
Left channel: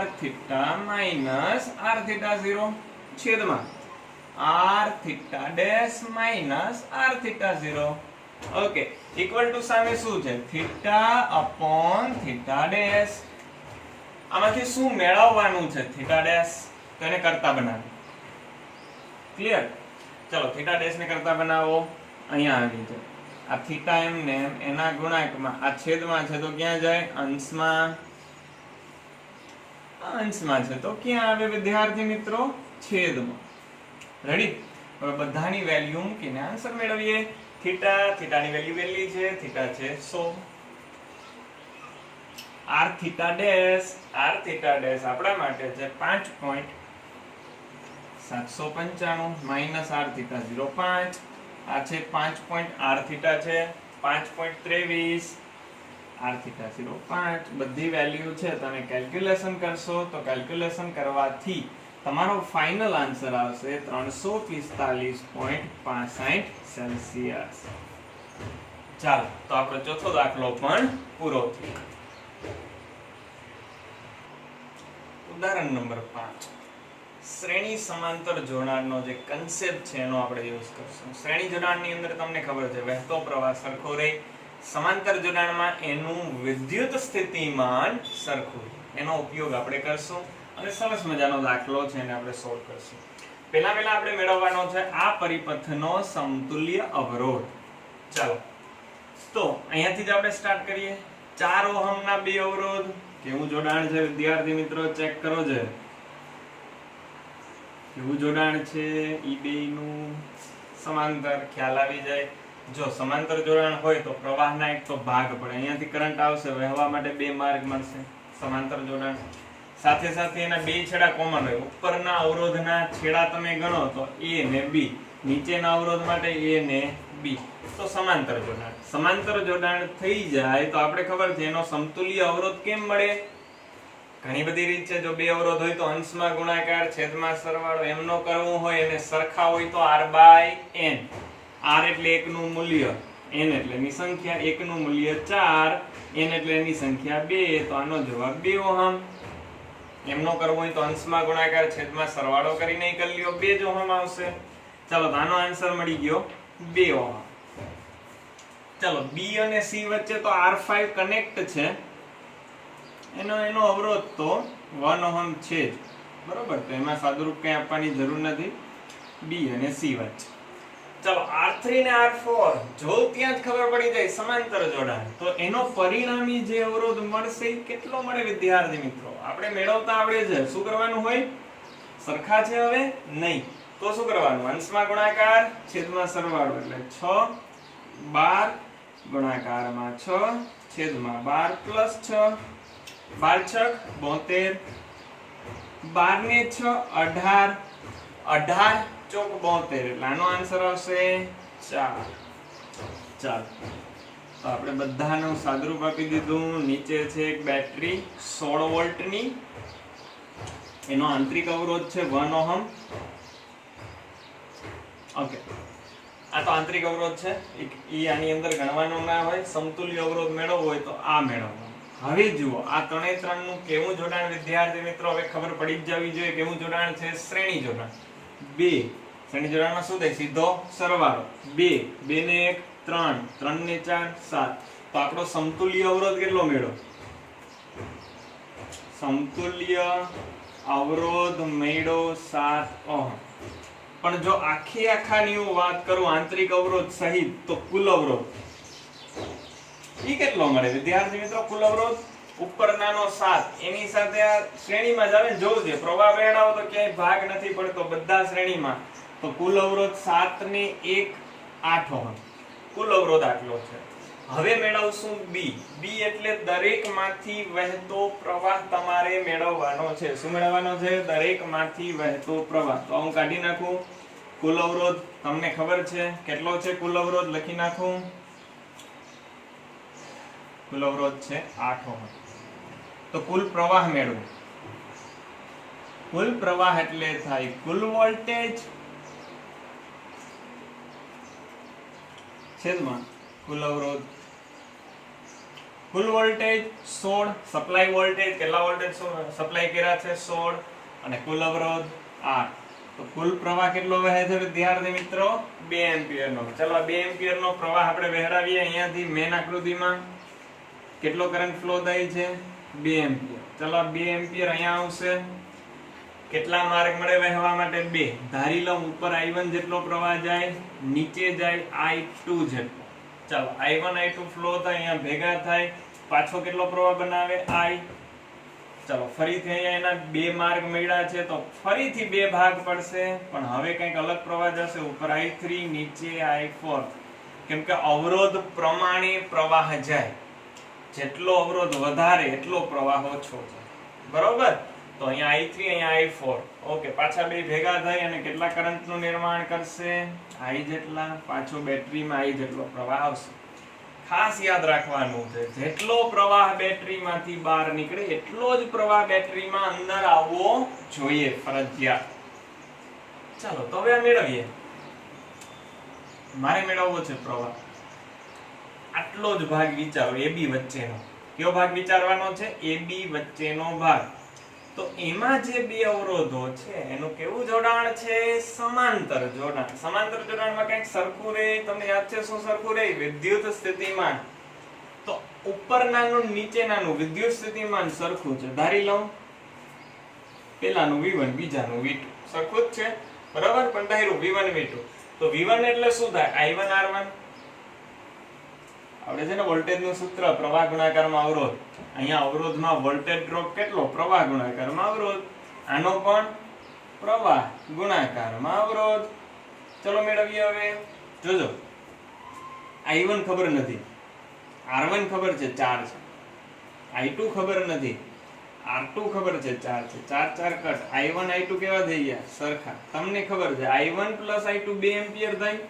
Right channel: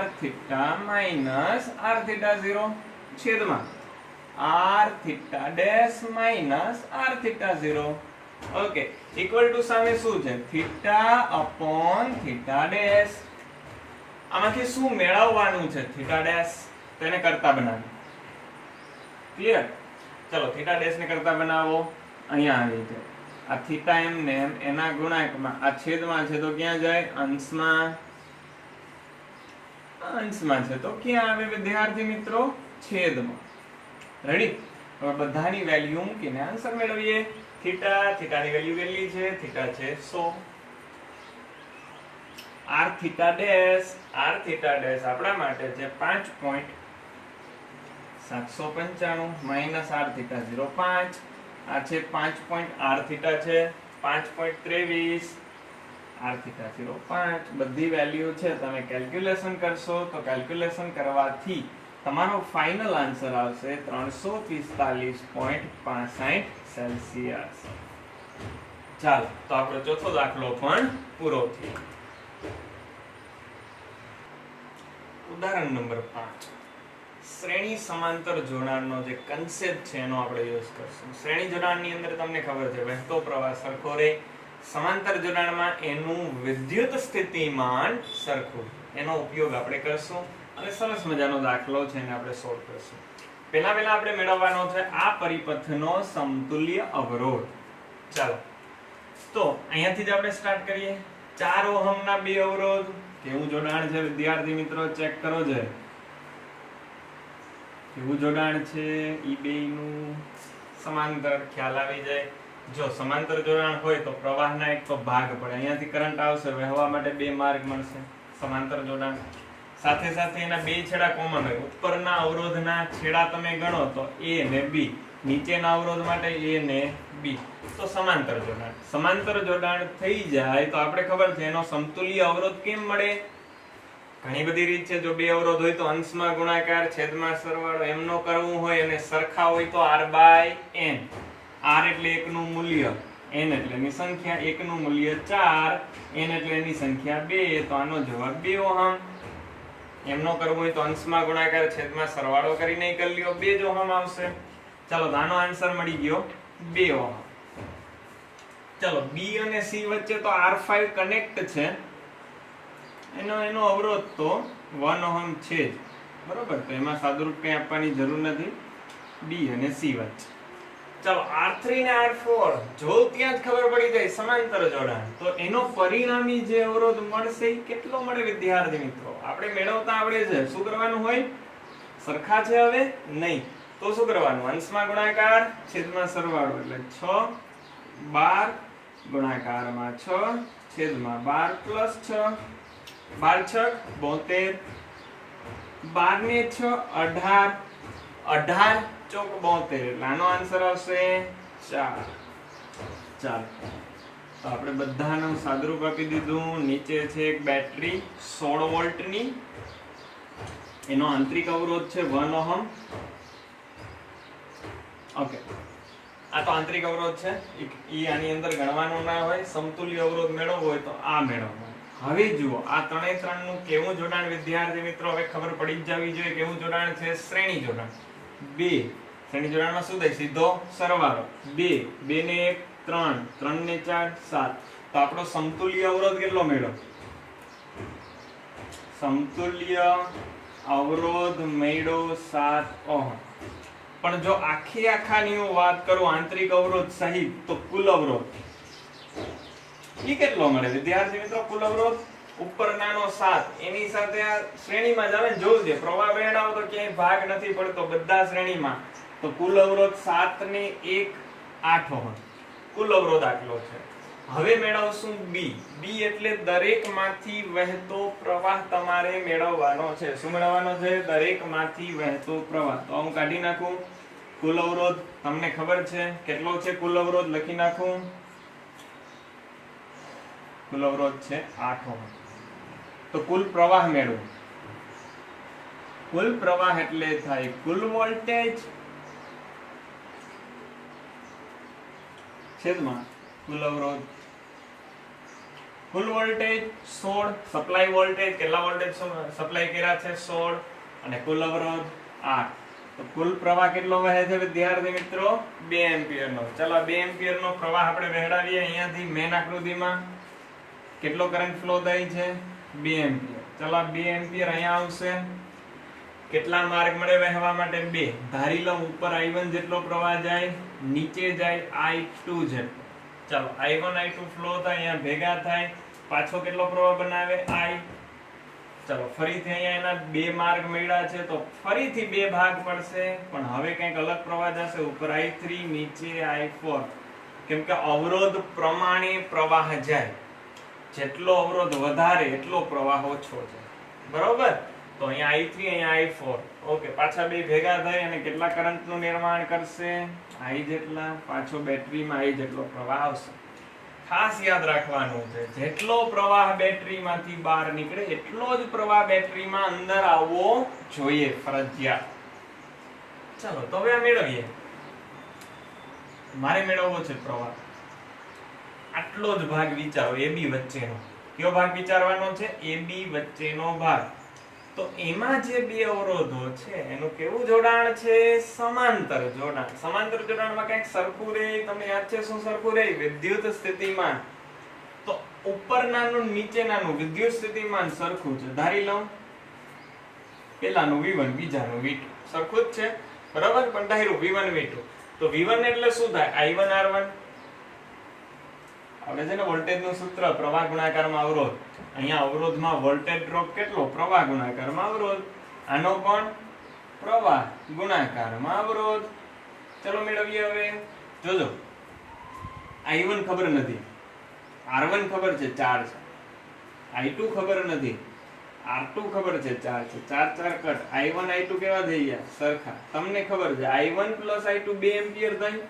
r theta minus r theta 0 છેદમાં r theta dash minus r theta 0. Okay, equal to સામે શું છે? theta upon theta dash. આમાંથી શું મેળવવાનું છે? theta dash. તેને કરતા બનાવો. ક્લિયર? ચલો theta dash ને કરતા બનાવો. અહીંયા આવી જાય. આ theta m ને m એના ગુણાંકમાં, આ છેદમાં છે તો ક્યાં જાય? અંશમાં. અંશમાં છે તો ક્યાં આવે વિદ્યાર્થી મિત્રો? છેદમાં. રેડી? હવે બધાની વેલ્યુ મૂકીને આન્સર મેળવીએ. થીટાની વેલ્યુ કેટલી છે? થીટા છે 100. r થીટા ડેશ આપણા માટે છે 5.795 માઈનસ r થીટા 0.5. આ છે 5. r થીટા છે 5.23, r થીટા 0.5. બધી વેલ્યુ છે. તમે કેલ્ક્યુલેશન કરશો તો કેલ્ક્યુલેશન કરવાથી તમારો ફાઇનલ આન્સર આવશે 345.65 સેલ્સિયસ. ચાલો, તો આપણો ચોથો દાખલો પણ પૂરો થયો. ઉદાહરણ નંબર 5. શ્રેણી સમાંતર જોડાણનો જે કન્સેપ્ટ છે એનો આપણે યુઝ કરશું. શ્રેણી જોડાણની અંદર તમને ખબર છે વહેતો પ્રવાહ સરખો રહે. સમાંતર જોડાણમાં એનું વિદ્યુત સ્થિતિમાન સરખું. એનો ઉપયોગ આપણે કરશું અને સરસ મજાનો દાખલો છે એને આપણે સોલ્વ કરશું. પહેલા આપણે મેળવવાનો છે આ પરિપથનો સમતુલ્ય અવરોધ. ચાલો, તો અહીંયાથી જ આપણે સ્ટાર્ટ કરીએ. 4 ઓહમના બે અવરોધ. કેવું જોડાણ છે વિદ્યાર્થી મિત્રો? ચેક કરો છે. કેવું જોડાણ છે? ઈ બેયનું સમાંતર. ખ્યાલ આવી જાય. જો સમાંતર જોડાણ હોય તો પ્રવાહના એક તો ભાગ પડે. અહીંયાથી કરંટ આવશે, વહેવા માટે બે માર્ગ મળશે. સમાંતર જોડાણ સાથે સાથે એના બે છેડા કોમન હોય. ઉપરના અવરોધના છેડા તમે ગણો તો a ને b, નીચેના અવરોધ માટે a ને b. તો સમાંતર જોડાણ. સમાંતર જોડાણ થઈ જાય તો આપણે ખબર છે એનો સમતુલ્ય અવરોધ કેમ મળે? ઘણી બધી રીત છે. જો બે અવરોધ હોય તો અંશમાં ગુણાકાર, છેદમાં સરવાળો. એમ નો કરવું હોય અને સરખા હોય તો r/n. r એટલે એકનું મૂલ્ય, n એટલે એની સંખ્યા. એકનું મૂલ્ય 4, n એટલે એની સંખ્યા 2. તો આનો જવાબ 2 ઓહમ. એમનો કરવો હોય તો અંશમાં ગુણાકાર, છેદમાં સરવાળો કરીને કરી લ્યો, 2 જ ઓહમ આવશે. ચાલો, તો આનો આન્સર મળી ગયો 2 ઓહમ. ચાલો, b અને c વચ્ચે તો r5 કનેક્ટ છે. એનો અવરોધ તો 1 ઓહમ છે જ. બરોબર? તો એમાં સાદુરૂપ કંઈ આપવાની જરૂર નથી. b અને c વચ્ચે. ચાલો, r3 ને r4 જો ત્યાં જ ખબર પડી જાય સમાંતર જોડાણ, તો એનો પરિણામી જે અવરોધ મળશે એ કેટલો મળે વિદ્યાર્થી મિત્રો? આપણે મેળવતા આવડે છે. શું કરવાનું હોય? સરખા છે હવે નહીં તો શું કરવાનું? અંશમાં ગુણાકાર, છેદમાં સરવાળો. એટલે 6 12 ગુણાકારમાં 6, છેદમાં 12 પ્લસ 6. 12 6 72, 12 ને 6 18, 18 ચોક 72. એટલે આનો આન્સર આવશે 4. ચાલો, તો આપણે બધાનું સાદુરૂપ આપી દીધું. નીચે છે એક બેટરી 16 વોલ્ટની. એનો આંતરિક અવરોધ છે 1 ઓહમ. ઓકે, આ તો આંતરિક અવરોધ છે. ઈ આની અંદર ગણવાનો ના હોય. સમતુલ્ય અવરોધ મેળવવો હોય તો આ મેળવવાનો. હવે જુઓ આ 3 નું કેવું જોડાણ વિદ્યાર્થી મિત્રો? હવે ખબર પડી જ જવી જોઈએ કેવું જોડાણ છે. શ્રેણી જોડાણ. 2 શ્રેણી જોડાણમાં શું થાય? સીધો સરવાળો. 2 2 ને 1 3, 3 ને 4 7. તો આપણો સમતુલ્ય અવરોધ કેટલો મેળવ્યો? સમતુલ્ય અવરોધ મેળવ્યો 7 ઓહમ. પણ જો આખાની હું વાત કરું આંતરિક અવરોધ સહિત, તો કુલ અવરોધ ઈ કેટલો મળે વિદ્યાર્થી મિત્રો? કુલ અવરોધ ઉપરનાનો 7 એની સાથે આ શ્રેણીમાં જ આવે ને. જોવું છે પ્રવાહ વહેણાવો તો ક્યાંય ભાગ નથી પડતો, બધા શ્રેણીમાં. તો કુલ અવરોધ 7 ને 1 8 ઓહમ. કુલ અવરોધ આટલો છે. હવે મેળવશું b. b એટલે દરેકમાંથી વહેતો પ્રવાહ તમારે મેળવવાનો છે. શું મેળવવાનો છે? દરેકમાંથી વહેતો પ્રવાહ. તો હું કાઢી નાખું. કુલ અવરોધ તમને ખબર છે કેટલો છે? કુલ અવરોધ લખી નાખું. કુલ અવરોધ છે 8 ઓહમ. તો કુલ પ્રવાહ મેળવો. કુલ પ્રવાહ એટલે થાય કુલ વોલ્ટેજ છેદમાં કુલ અવરોધ. કુલ વોલ્ટેજ 16, સપ્લાય વોલ્ટેજ કેટલા વોલ્ટેજ સપ્લાય કર્યા છે? 16. અને કુલ અવરોધ 8. તો કુલ પ્રવાહ કેટલો વહે છે વિદ્યાર્થી મિત્રો 2 એમ્પિયર નો. ચલો 2 એમ્પિયર નો પ્રવાહ આપણે વહેડાવીએ અહીંયાથી મેન આકૃતિમાં. કેટલો કરંટ ફ્લો થાય છે 2 એમ્પિયર. ચલો 2 એમ્પિયર અહીંયા આવશે. કેટલા માર્ગ મળે વહેવા માટે 2. ધારી લો ઉપર I1 જેટલો પ્રવાહ જાય, નીચે જાય I2 જેટલો. ચાલો I1 I2 ફ્લો થાય, અહીંયા ભેગા થાય, પાછો કેટલો પ્રવાહ બનાવે I. ચાલો ફરીથી અહીંયા એના 2 માર્ગ મળ્યા છે તો ફરીથી 2 ભાગ પડશે, પણ હવે કંઈક અલગ પ્રવાહ જશે. ઉપર I3, નીચે I4. કેમ કે અવરોધ પ્રમાણે પ્રવાહ જાય. જેટલો અવરોધ વધારે એટલો પ્રવાહ ઓછો છે. બરોબર? તો અહીંયા I3 અહીંયા I4. ઓકે, પાછા બે ભેગા થઈ અને કેટલા કરંટનું નિર્માણ કરશે? I જેટલા. પાછો બેટરીમાં I જેટલો પ્રવાહ આવશે. ખાસ યાદ રાખવાનું છે, જેટલો પ્રવાહ બેટરીમાંથી બહાર નીકળે એટલો જ પ્રવાહ બેટરીમાં અંદર આવવો જોઈએ, ફરજિયાત. ચાલો તો હવે આ મેળવીએ. મારે મેળવવો છે પ્રવાહ. આટલો જ ભાગ વિચારો, AB વચ્ચેનો. કયો ભાગ વિચારવાનો છે? AB વચ્ચેનો ભાગ. તો એમાં જે બે અવરોધો છે એનું કેવું જોડાણ છે? સમાંતર જોડાણ. સમાંતર જોડાણમાં કંઈક સરખું રહે. તમને યાદ છે શું સરખું રહે? વિદ્યુત સ્થિતિમાન. તો ઉપરનાનું નીચેનાનું વિદ્યુત સ્થિતિમાન સરખું છે. ધારી લઉં પેલાનું V1 બીજાનું V2 સરખું જ છે. બરાબર? પણ ધાર્યું V1 V2. તો V1 એટલે શું થાય? I1 R1. આપણે છે ને વોલ્ટેજનું સૂત્ર પ્રવાહ ગુણાકારમાં અવરોધ. અહીંયા અવરોધમાં વોલ્ટેજ ડ્રોપ કેટલો? પ્રવાહ ગુણાકારમાં અવરોધ. આનો પણ પ્રવાહ ગુણાકારમાં અવરોધ. ચલો મેળવીએ હવે. જોજો, I1 ખબર નથી, R1 ખબર છે 4 છે, I2 ખબર નથી, R2 ખબર છે 4 છે. 4 4 કટ. I1 I2 કેવા થઈ ગયા? સરખા. તમને ખબર છે I1 + I2 2 એમ્પિયર થાય.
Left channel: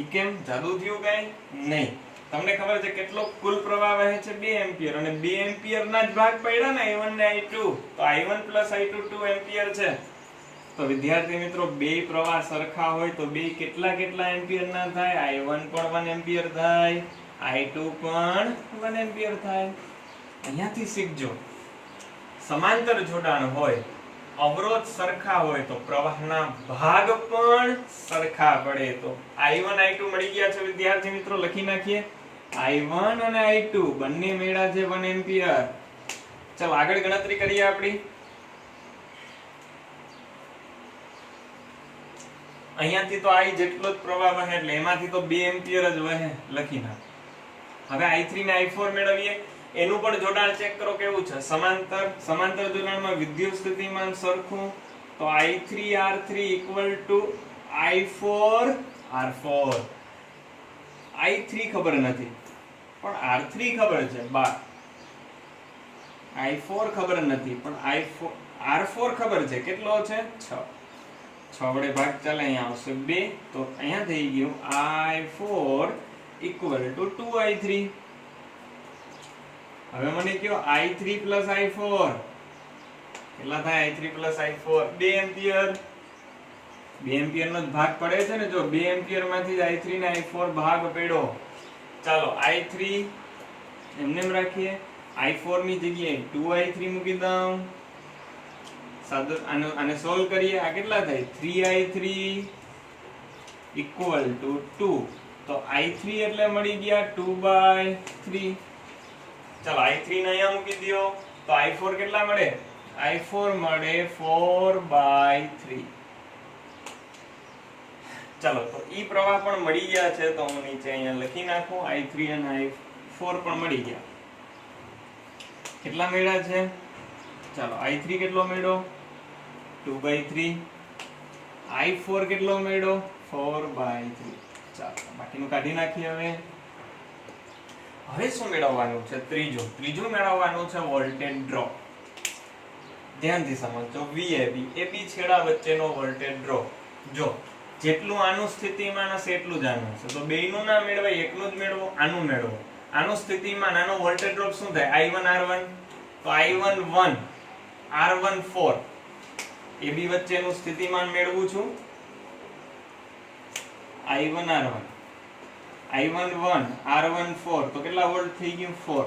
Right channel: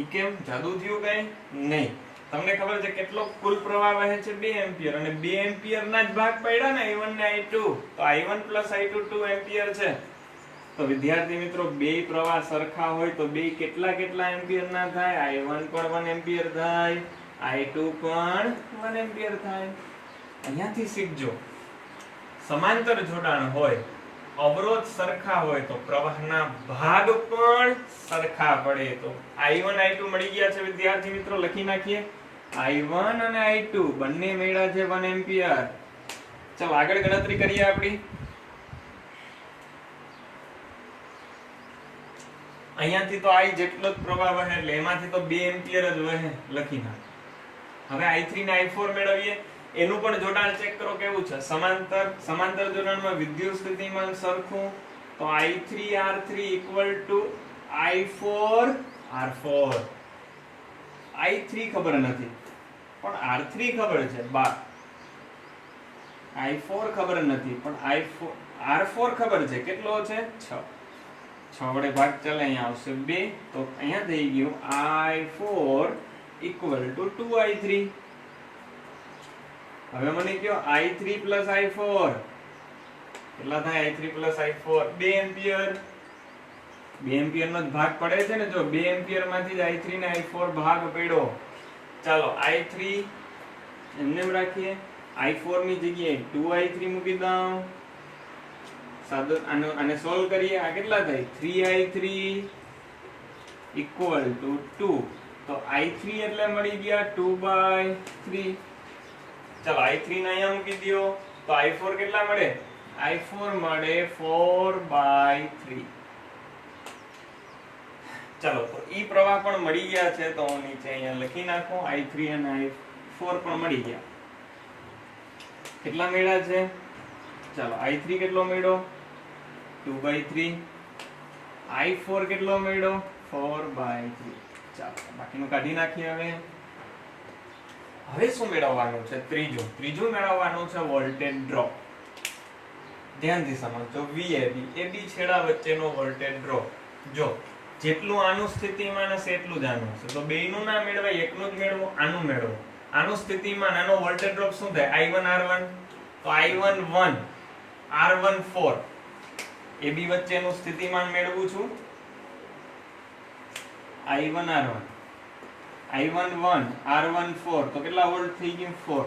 ઈ કેમ? જાદુ થયું કઈ? નહીં. તમને ખબર છે કેટલો કુલ પ્રવાહ વહે છે? 2 એમ્પિયર. અને 2 એમ્પિયર ના જ ભાગ પડ્યા ને I1 ને I2. તો I1 + I2 2 એમ્પિયર છે. તો વિદ્યાર્થી મિત્રો, બે પ્રવાહ સરખા હોય તો બે કેટલા કેટલા એમ્પિયર ના થાય? I1 પણ 1 એમ્પિયર થાય, I2 પણ 1 એમ્પિયર થાય. અહીંયાથી શીખજો, સમાંતર જોડાણ હોય, અવરોધ સરખા હોય તો પ્રવાહના ભાગ પણ સરખા પડે. તો I1 I2 મળી ગયા છે વિદ્યાર્થી મિત્રો. લખી નાખીએ. I1 અને I2 બંને મળ્યા છે 1 એમ્પિયર. ચાલો આગળ ગણતરી કરીએ આપણી. અહીંયાથી તો I જેટલો જ પ્રવાહ વહે એટલે એમાંથી તો 2 એમ્પિયર જ વહે. લખી નાખ. હવે I3 ને I4 મેળવીએ. એનું પણ જોડાણ ચેક કરો કેવું છે? સમાંતર. સમાંતર જોડાણમાં વિદ્યુત સ્થિતિમાન સરખું. તો I3 R3 = I4 R4. I3 ખબર નથી પણ R3 ખબર છે 12. I4 ખબર નથી પણ R4 ખબર છે. કેટલો છે? 6. 6 વડે ભાગ ચાલે, અહીંયા આવશે 2. તો અહીંયા થઈ ગયું I4 = 2I3. હવે મને કયો I3 + I4 કેટલા થાય? I3 + I4 2 ampere. 2 એમ્પિયર નો જ ભાગ પડે છે ને. જો 2 એમ્પિયર માંથી જ I3 ને I4 ભાગ પડ્યો. ચાલો I3 એમને એમ રાખીએ. I4 ની જગ્યાએ 2I3 મૂકી દઉં. સાદો આને સોલ્વ કરીએ. આ કેટલા થાય? 3I3 = 2. તો I3 એટલે મળી ગયા 2/3. ચાલો I3 ને અહીંયા મૂકી દો તો I4 કેટલા મળે? I4 મળે 4/3. ચાલો તો ઈ પ્રવાહ પણ મળી ગયા છે. તો હું નીચે અહીંયા લખી નાખું. I3 અને I4 પણ મળી ગયા. કેટલા મળ્યા છે? ચાલો I3 કેટલો મળ્યો? 2/3. I4 કેટલો મળ્યો? 4/3. ચાલો બાકીનું કાઢી નાખીએ. હવે શું મેળવવાનું છે? ત્રીજું મેળવવાનું છે વોલ્ટેજ ડ્રોપ. ધ્યાનથી સમજો. VAB AB છેડા વચ્ચેનો વોલ્ટેજ ડ્રોપ. જો જેટલું આનું સ્થિતિમાન હશે એટલું જ આનું હશે. તો બેયનું ના મેળવાય, એકનું જ મેળવો. આનું મેળવો. આનું સ્થિતિમાન, આનો વોલ્ટેજ ડ્રોપ શું થાય? I1 R1. તો I1 1 R1 4. AB વચ્ચેનું સ્થિતિમાન મેળવું છું. I1 R1 I1 1 R1 4. તો કેટલા વોલ્ટ થઈ ગયું? 4.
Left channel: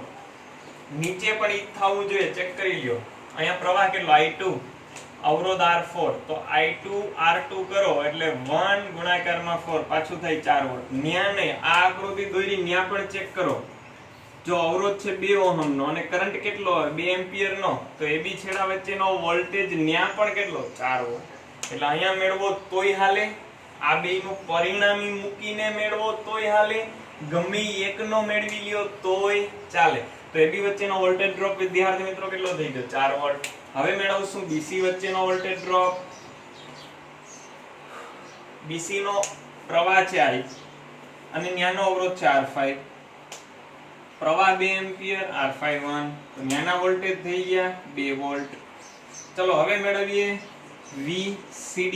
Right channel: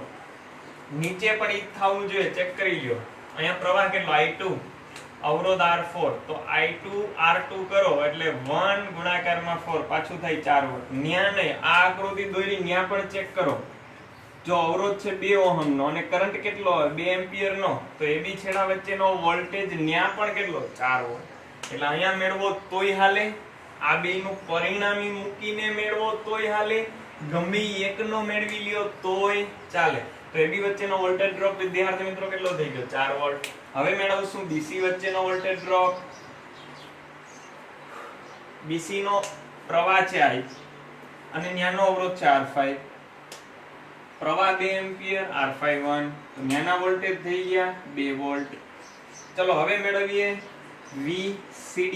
નીચે પણ ઈ થવું જોઈએ. ચેક કરી લ્યો. અહીંયા પ્રવાહ કેટલો? I2. અવરોધ R4 તો I2 R2 કરો એટલે 1 ગુણાકારમાં 4 પાછું થાય 4 વોલ્ટ. ન્યા નહીં, આ આકૃતિ દોરી ન્યા પણ ચેક કરો. જો અવરોધ છે 2 ઓહમ નો અને કરંટ કેટલો હોય 2 એમ્પિયર નો, તો AB છેડા વચ્ચેનો વોલ્ટેજ ન્યા પણ કેટલો 4 વોલ્ટ. એટલે અહીંયા મેળવો તોય હાલે, આ બેયનું પરિણામી મૂકીને મેળવો તોય હાલે, ગમે એકનો મેળવી લ્યો તોય ચાલે. તો AB વચ્ચેનો વોલ્ટેજ ડ્રોપ વિદ્યાર્થી મિત્રો કેટલો થઈ ગયો 4 વોલ્ટ. હવે મેળવશું BC વચ્ચેનો વોલ્ટેજ ડ્રોપ. BC નો પ્રવાહ છે I અને ન્યાનો અવરોધ છે R5. પ્રવાહ 2 એમ્પિયર, R5 1, તો ન્યાના વોલ્ટેજ થઈ ગયા 2 વોલ્ટ. ચલો હવે મેળવીએ VCD.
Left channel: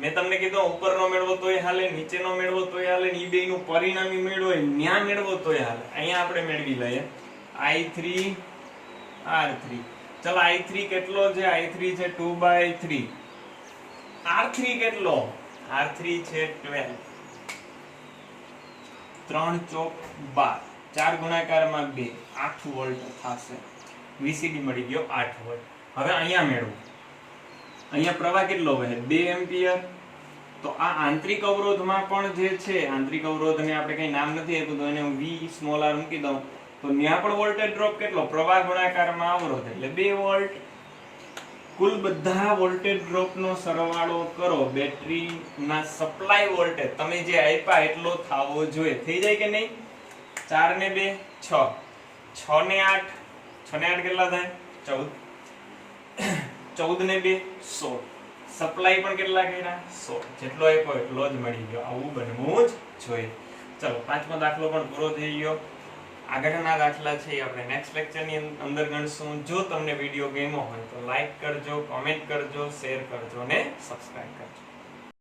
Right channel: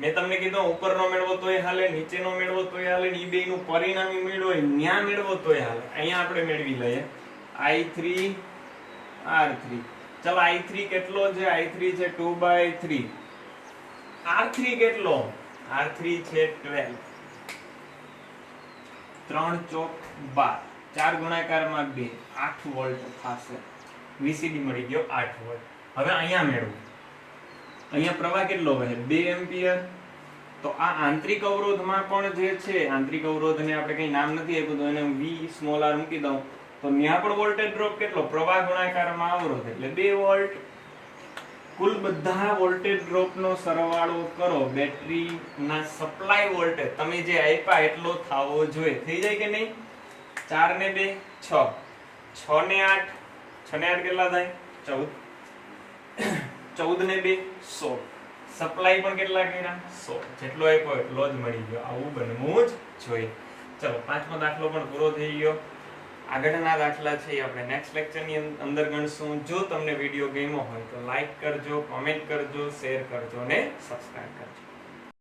મેં તમને કીધું ઉપરનો મેળવો તોય હાલે, નીચેનો મેળવો તોય હાલે, ઈ બેયનું પરિણામી મેળવો હોય ન્યા મેળવો તોય હાલે. અહીંયા આપણે મેળવી લઈએ I3 R3. ચલો I3 કેટલો છે? I3 છે 2/3. R3 કેટલો? R3 છે 12. 3 ચોક 12, 4 ગુણાકારમાં 2, 8 વોલ્ટ થશે. VCD મળી ગયો 8 વોલ્ટ. હવે અહીંયા મેળવો. અહીંયા પ્રવાહ કેટલો વહે 2 એમ્પિયર. તો આ આંતરિક અવરોધમાં પણ જે છે, આંતરિક અવરોધને આપણે કઈ નામ નથી આપ્યું તો એને હું V સ્મોલ r મૂકી દઉં, તો ત્યાં પણ વોલ્ટેજ ડ્રોપ કેટલો? પ્રવાહ ગુણાકારમાં અવરોધ એટલે 2 વોલ્ટ. કુલ બધા વોલ્ટેજ ડ્રોપનો સરવાળો કરો, બેટરીના સપ્લાય વોલ્ટેજ તમે જે આપ્યા એટલો થવો જોઈએ. થઈ જાય કે નહીં? 4 ને 2 6, 6 ને 8, 6 ને 8 કેટલા થાય? 14, 14 ને 2 16. સપ્લાય પણ કેટલા કર્યા? 16. જેટલો આપ્યો એટલો જ મળી ગયો. આવું બનવું જ જોઈએ. ચલો પાંચમો દાખલો પણ પૂરો થઈ ગયો. આગળના દાખલા છે એ આપણે નેક્સ્ટ લેક્ચરની અંદર ગણશું. જો તમને વિડીયો ગમ્યો હોય તો લાઈક કરજો, કોમેન્ટ કરજો, શેર કરજો અને સબસ્ક્રાઇબ કરજો.